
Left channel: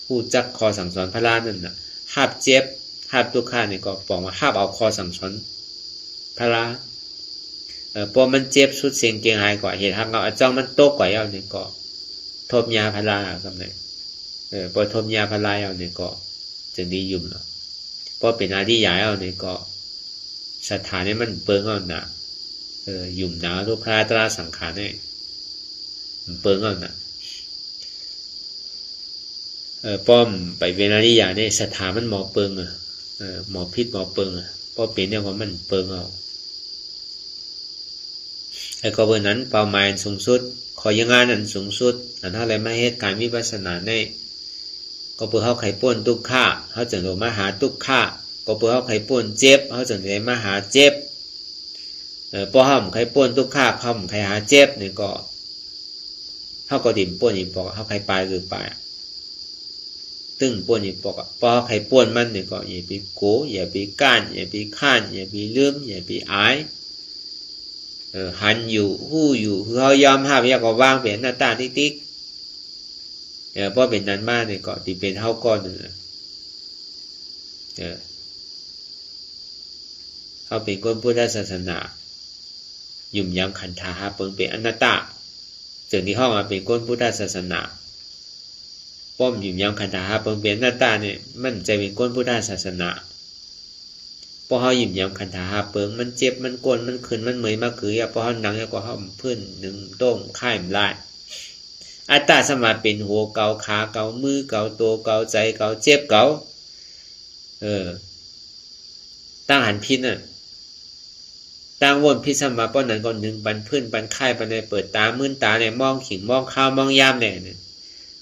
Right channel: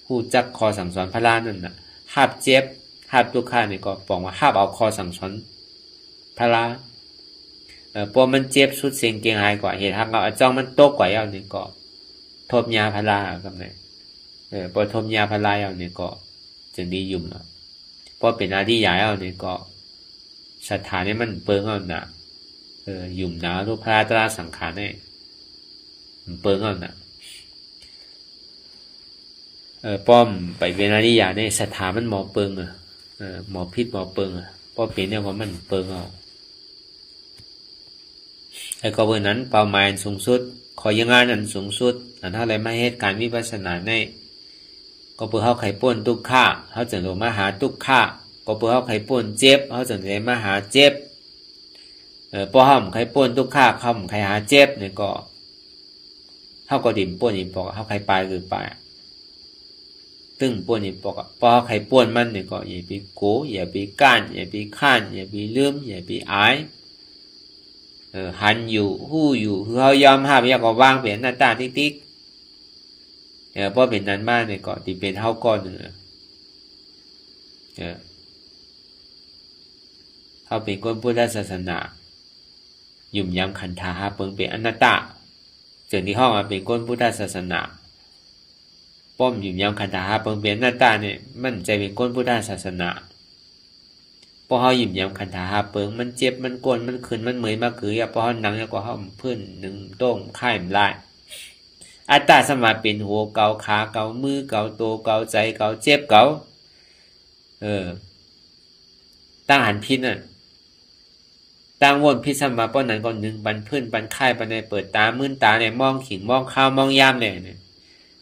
ผู้จักคอสั่งสอนพระนั่นน่ะหับเจ็บหับทุกขะนี่ก็บอกว่าหับเอาคอสั่งสอนพระพอมันเจ็บสุดเสียงเกียงหายกว่าเหตุทางเอาจ้องมันโตกว่าอย่างนี้ก็ทบยาพาราครับเนี่ยพอทบยาพาราอย่างนี้ก็จะดียุ่มเนาะพอเป็นอาดีใหญ่เอาเนี่ยก็สถานนี้มันเปิงเอาหนายุ่มหนาทุกพระตราสังขารเนี่ยมันเปิงเอาหนาป้อมไปเป็นอาดีใหญ่เนี่ยสถานมันหมอเปิงหมอพิษหมอเปิงพอเป็นเนี่ยว่ามันเปิงเอาไอ้ก็เบอร์นั้นเป้าหมายสูงสุดขอยังงานอันสูงสุดอันเท่าไรไม่เหตุการวิปัสสนาในก็เพื่อเขาไข่ป่นทุกข้าเขาจะลงมาหาทุกข้าก็เพื่อเขาไข่ป่นเจ็บเขาจะเลยมาหาเจ็บพอห้ามไข่ป่นทุกข้าเขาไข่หาเจ็บเนี่ยก็เขาก็ดิ่มป่นอีกปอกเขาไข่ปลายคือปลายตึ้งป่นอีกปอกพอเขาไข่ป่นมันเนี่ยก็อย่าไปโกอย่าไปก้านอย่าไปข้านอย่าไปลืมอย่าไปอายหันอยู่หู้อยู่คือเขายอมห้ามอยากก็วางเป็นหน้าตาติ๊กเพราะเป็นนั้นมากเนี่ยก็ที่เป็นเท่าก้อนหนึ่งเขาเป็นคนพุทธศาสนายุ่มยำขันธาหาเปิงเป็นอนัตตาจึงที่ห้องมาเป็นคนพุทธศาสนาป้อมยุ่มยำขันธาหาเปิงเป็นอนัตตาเนี่ยมันจะเป็นคนพุทธศาสนาพอเขาหยิบยำขันธาหาเปิงมันเจ็บมันกวนมันขึ้นมันเหมยมากคือพอเขาหนังแล้วก็เขาพื้นหนึ่งโต้งค่ายมันลายอัตตาสมาเป็นหัวเกาขาเกามือเกาตัวเกาใจเกาเจ็บเกาตั้งหันพิษน่ะตั้งวนพิษสมาป้อนนั้นก่อนหนึ่งบันพื้นบันค่ายบันในเปิดตามื่นตาเนี่ยมองขิงมองข้าวมองยามเนี่ย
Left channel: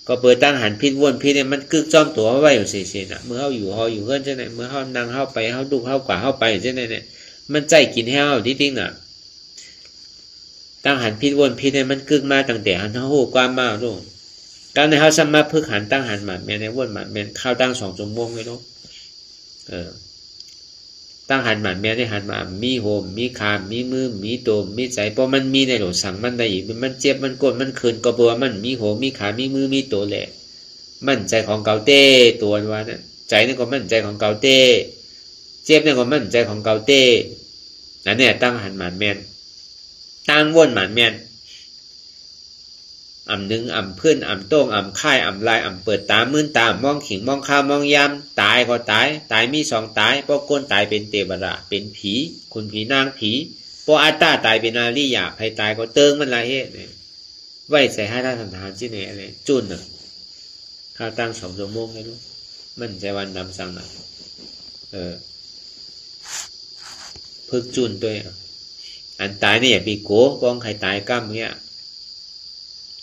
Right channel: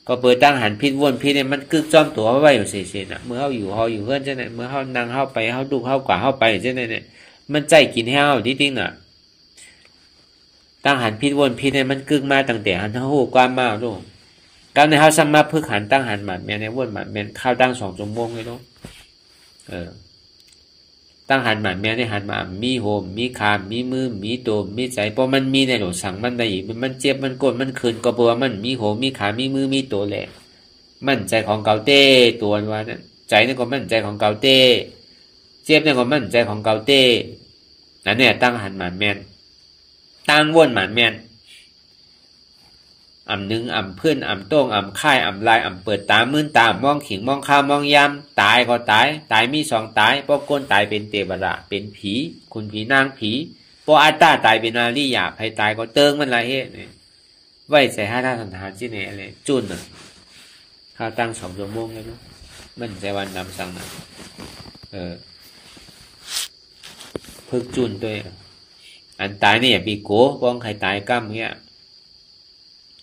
ก็เปิดตั้งหันพิษวนพิษเนี่ยมันกึกจ้อมตัวไว้อยู่เสียๆน่ะเมื่อเขาอยู่หออยู่เพื่อนเช่นนั้นเมื่อเขานั่งเข้าไปเขาดูเข้ากว่าเข้าไปเช่นนั้นเนี่ยมันใจกินให้เขาที่ติ้งน่ะตั้งหันพิษวนพิษเนี่ยมันกึกมาตั้งแต่หันเท้าหูกว้ามากลูกการในเขาสามารถพึกหันตั้งหันหมัดแม่ในวนหมัดแม่ข้าวตั้ง2 ชั่วโมงเลยลูกตั้งหันหมัดแม่ในหันมามีโหมมีคามมีมือมีโตมมีใจเพราะมันมีในหลวงสั่งมันได้อีกมันเจ็บมันกดมันคืนก็เพราะว่ามันมีโหมมีขามีมือมีโตแหละมั่นใจของเกาเต้ตัวว่าเนี่ยใจนี่ก็มั่นใจของเกาเต้เจ็บนี่ก็มั่นใจของเกาเต้นั่นเนี่ยตั้งหันหมัดแม่ตั้งวนหมัดแม่หนึ่งเพื่อนโต้งค่ายลายเปิดตามื่นตามองขิงมองข้าวมองยามตายก็ตายมี2ตายเพราะก้นตายเป็นเทวดาเป็นผีคุณผีนางผีเพราะอัตตาตายเป็นอาริยะใครตายก็เติงมันละเหตุไว้ใส่5 ท่าสันฐานที่ไหนอะไรจุนข้าวตั้ง2 ชั่วโมงเลยนะมันใจวันนำสั่งนะ พึกจุนด้วยอันตายเนี่ยปีโกป้องใครตายก้ามเงี้ย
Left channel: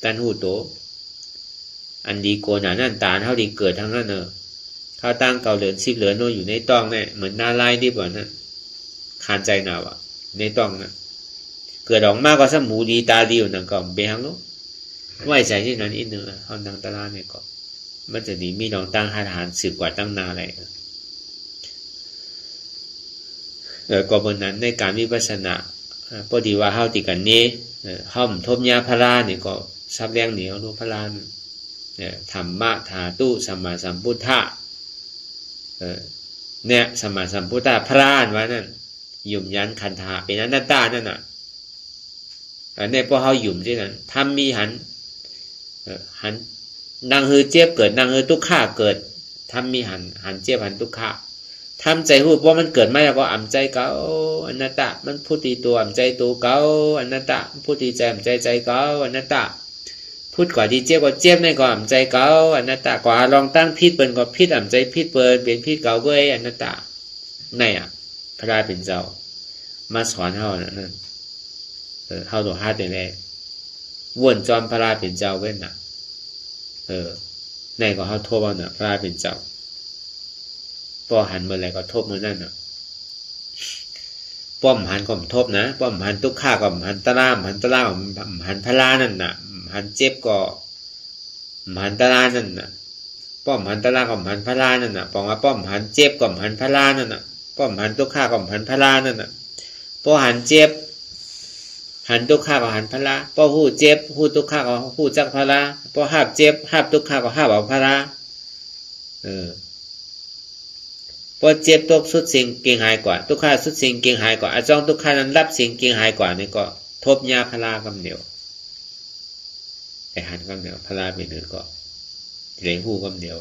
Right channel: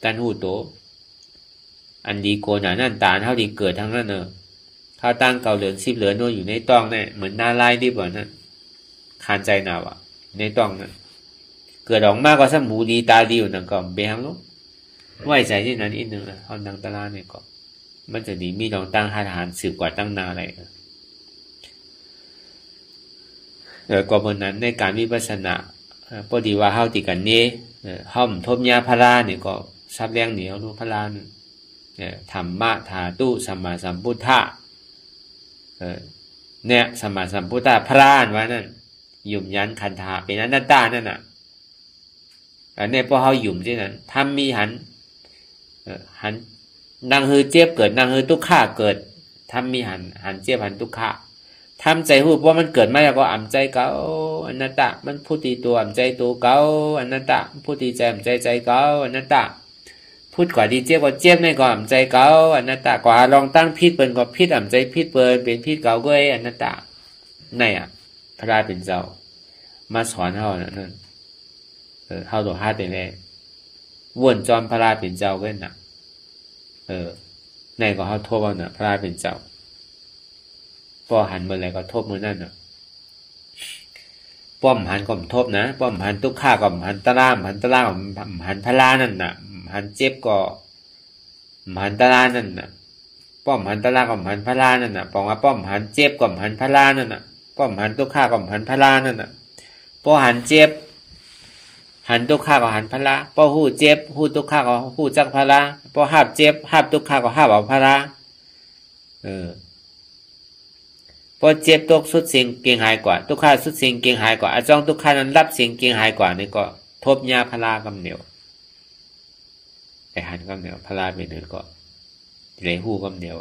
ตันหูโตอันดีโกหนานั่นตาเท่าดีเกิดทั้งนั้นเท่าตั้งเก่าเหลือน10เหลือนโนอยู่ในต้องเนี่ยเหมือนหน้าไล่ดิบ่นั่นคานใจหนาวในต้องนั่นเกิดออกมากกว่าสมูดีตาดีอยู่นั่นก็เบี้ยงลูกไว้ใจที่นั้นอีกนึงเขาดังตลาดเนี่ยก็มันจะดีมีน้องตั้งหาทหารสืบกว่าตั้งนาอะไรก็บนนั้นในการวิปัสสนาพอดีว่าเฮาติกันนี้ห้อมทบยาพราเนี่ยก็ซับแรงเหนียวรู้พราธรรมะธาตุสัมมาสัมพุทธะเนี่ยสัมมาสัมพุทธะพราว่านั่นยุ่มยันขันธาเป็นอนัตตานั่นน่ะอันนี้พอเฮายุ่มที่นั้นทำมีหันนางฮือเจ็บเกิดนางฮือทุกข์เกิดทำมีหันเจ็บหันทุกข์ทำใจหูเพราะมันเกิดมาแล้วก็อ่ำใจเก่าอนัตตะมันพูดตีตัวอ่ำใจตัวเก่าอนัตตะพูดตีใจอ่ำใจใจเก่าอนัตตะพูดกว่าดีเจ็บก็เจ็บในก็อ่ำใจเก่าอนัตตะกว่าลองตั้งพิษเปินก็พิษอ่ำใจพิษเปินเป็นพิษเก่าก็อนัตตะในพระราเป็นเจ้ามาสอนเฮานั่นเฮาตัวฮาเป็นแม่วนจอมพระราเป็นเจ้าเว้นน่ะในก็เฮาโทษว่าน่ะพระราเป็นเจ้าป้อหันเมื่อไรก็ทบเมื่อนั่นน่ะป้อมหันก็ทบนะป้อมหันทุกข้าก็หันตะล่ามหันตะล่ามหันพลานั่นน่ะหันเจ็บก็หันตะล่านั่นน่ะป้อมหันตะล่าก็หันพลานั่นน่ะบอกว่าป้อมหันเจ็บก็หันพลานั่นน่ะป้อมหันทุกข้าก็หันพลานั่นน่ะป้อหันเจ็บหันทุกข้าก็หันพลาป้อหู้เจ็บหู้ทุกข้าก็หู้จักพลาป้อหาบเจ็บหาบทุกข้าก็หาบเอาพลาพอเจ็บตกสุดสิ่งเกียงหายกว่าทุกข้าสุดสิ่งเกียงหายกว่าอาจองทุกข้านั้นรับสิ่งเกียงหายกว่านี่ก็ทบยาพลากำเหนียวไอหันกำเหนียวพลาไปเนื้อก็เลยหู้กำเหนียว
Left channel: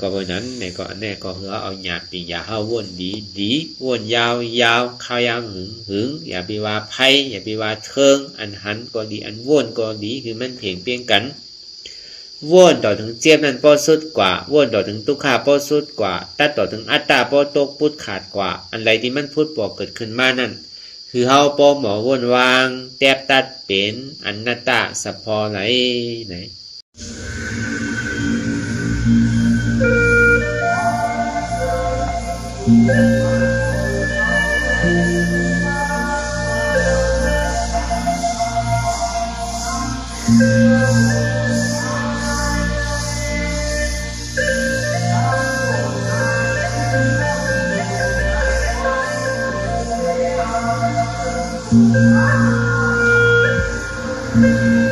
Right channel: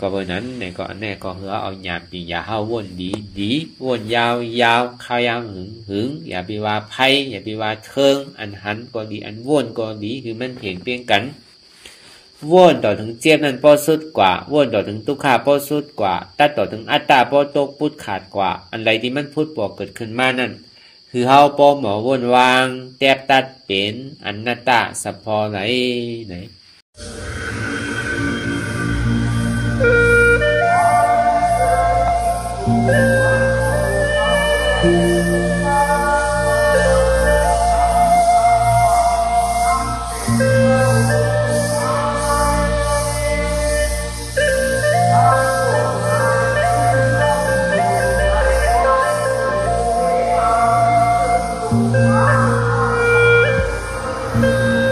ก็เพราะนั้นเนี่ยก็แน่ก็คือเอาหยาปีอย่าเฮาวนดีวนยาวข้าวยางหึงอย่าไปว่าไพ่อย่าไปว่าเทิงอันหันก็ดีอันวนก็ดีคือมันเพ่งเพียงกันวนต่อถึงเจ็บนั้นป้อสุดกว่าวนต่อถึงทุกข์ป้อสุดกว่าตัดต่อถึงอัตตาป้อตกพุทธขาดกว่าอันใดที่มันพุทธปอกเกิดขึ้นมานั่นคือเฮาป้อหมอวนวางแตบตัดเป็นอนัตตาสัพพอไหนThank you.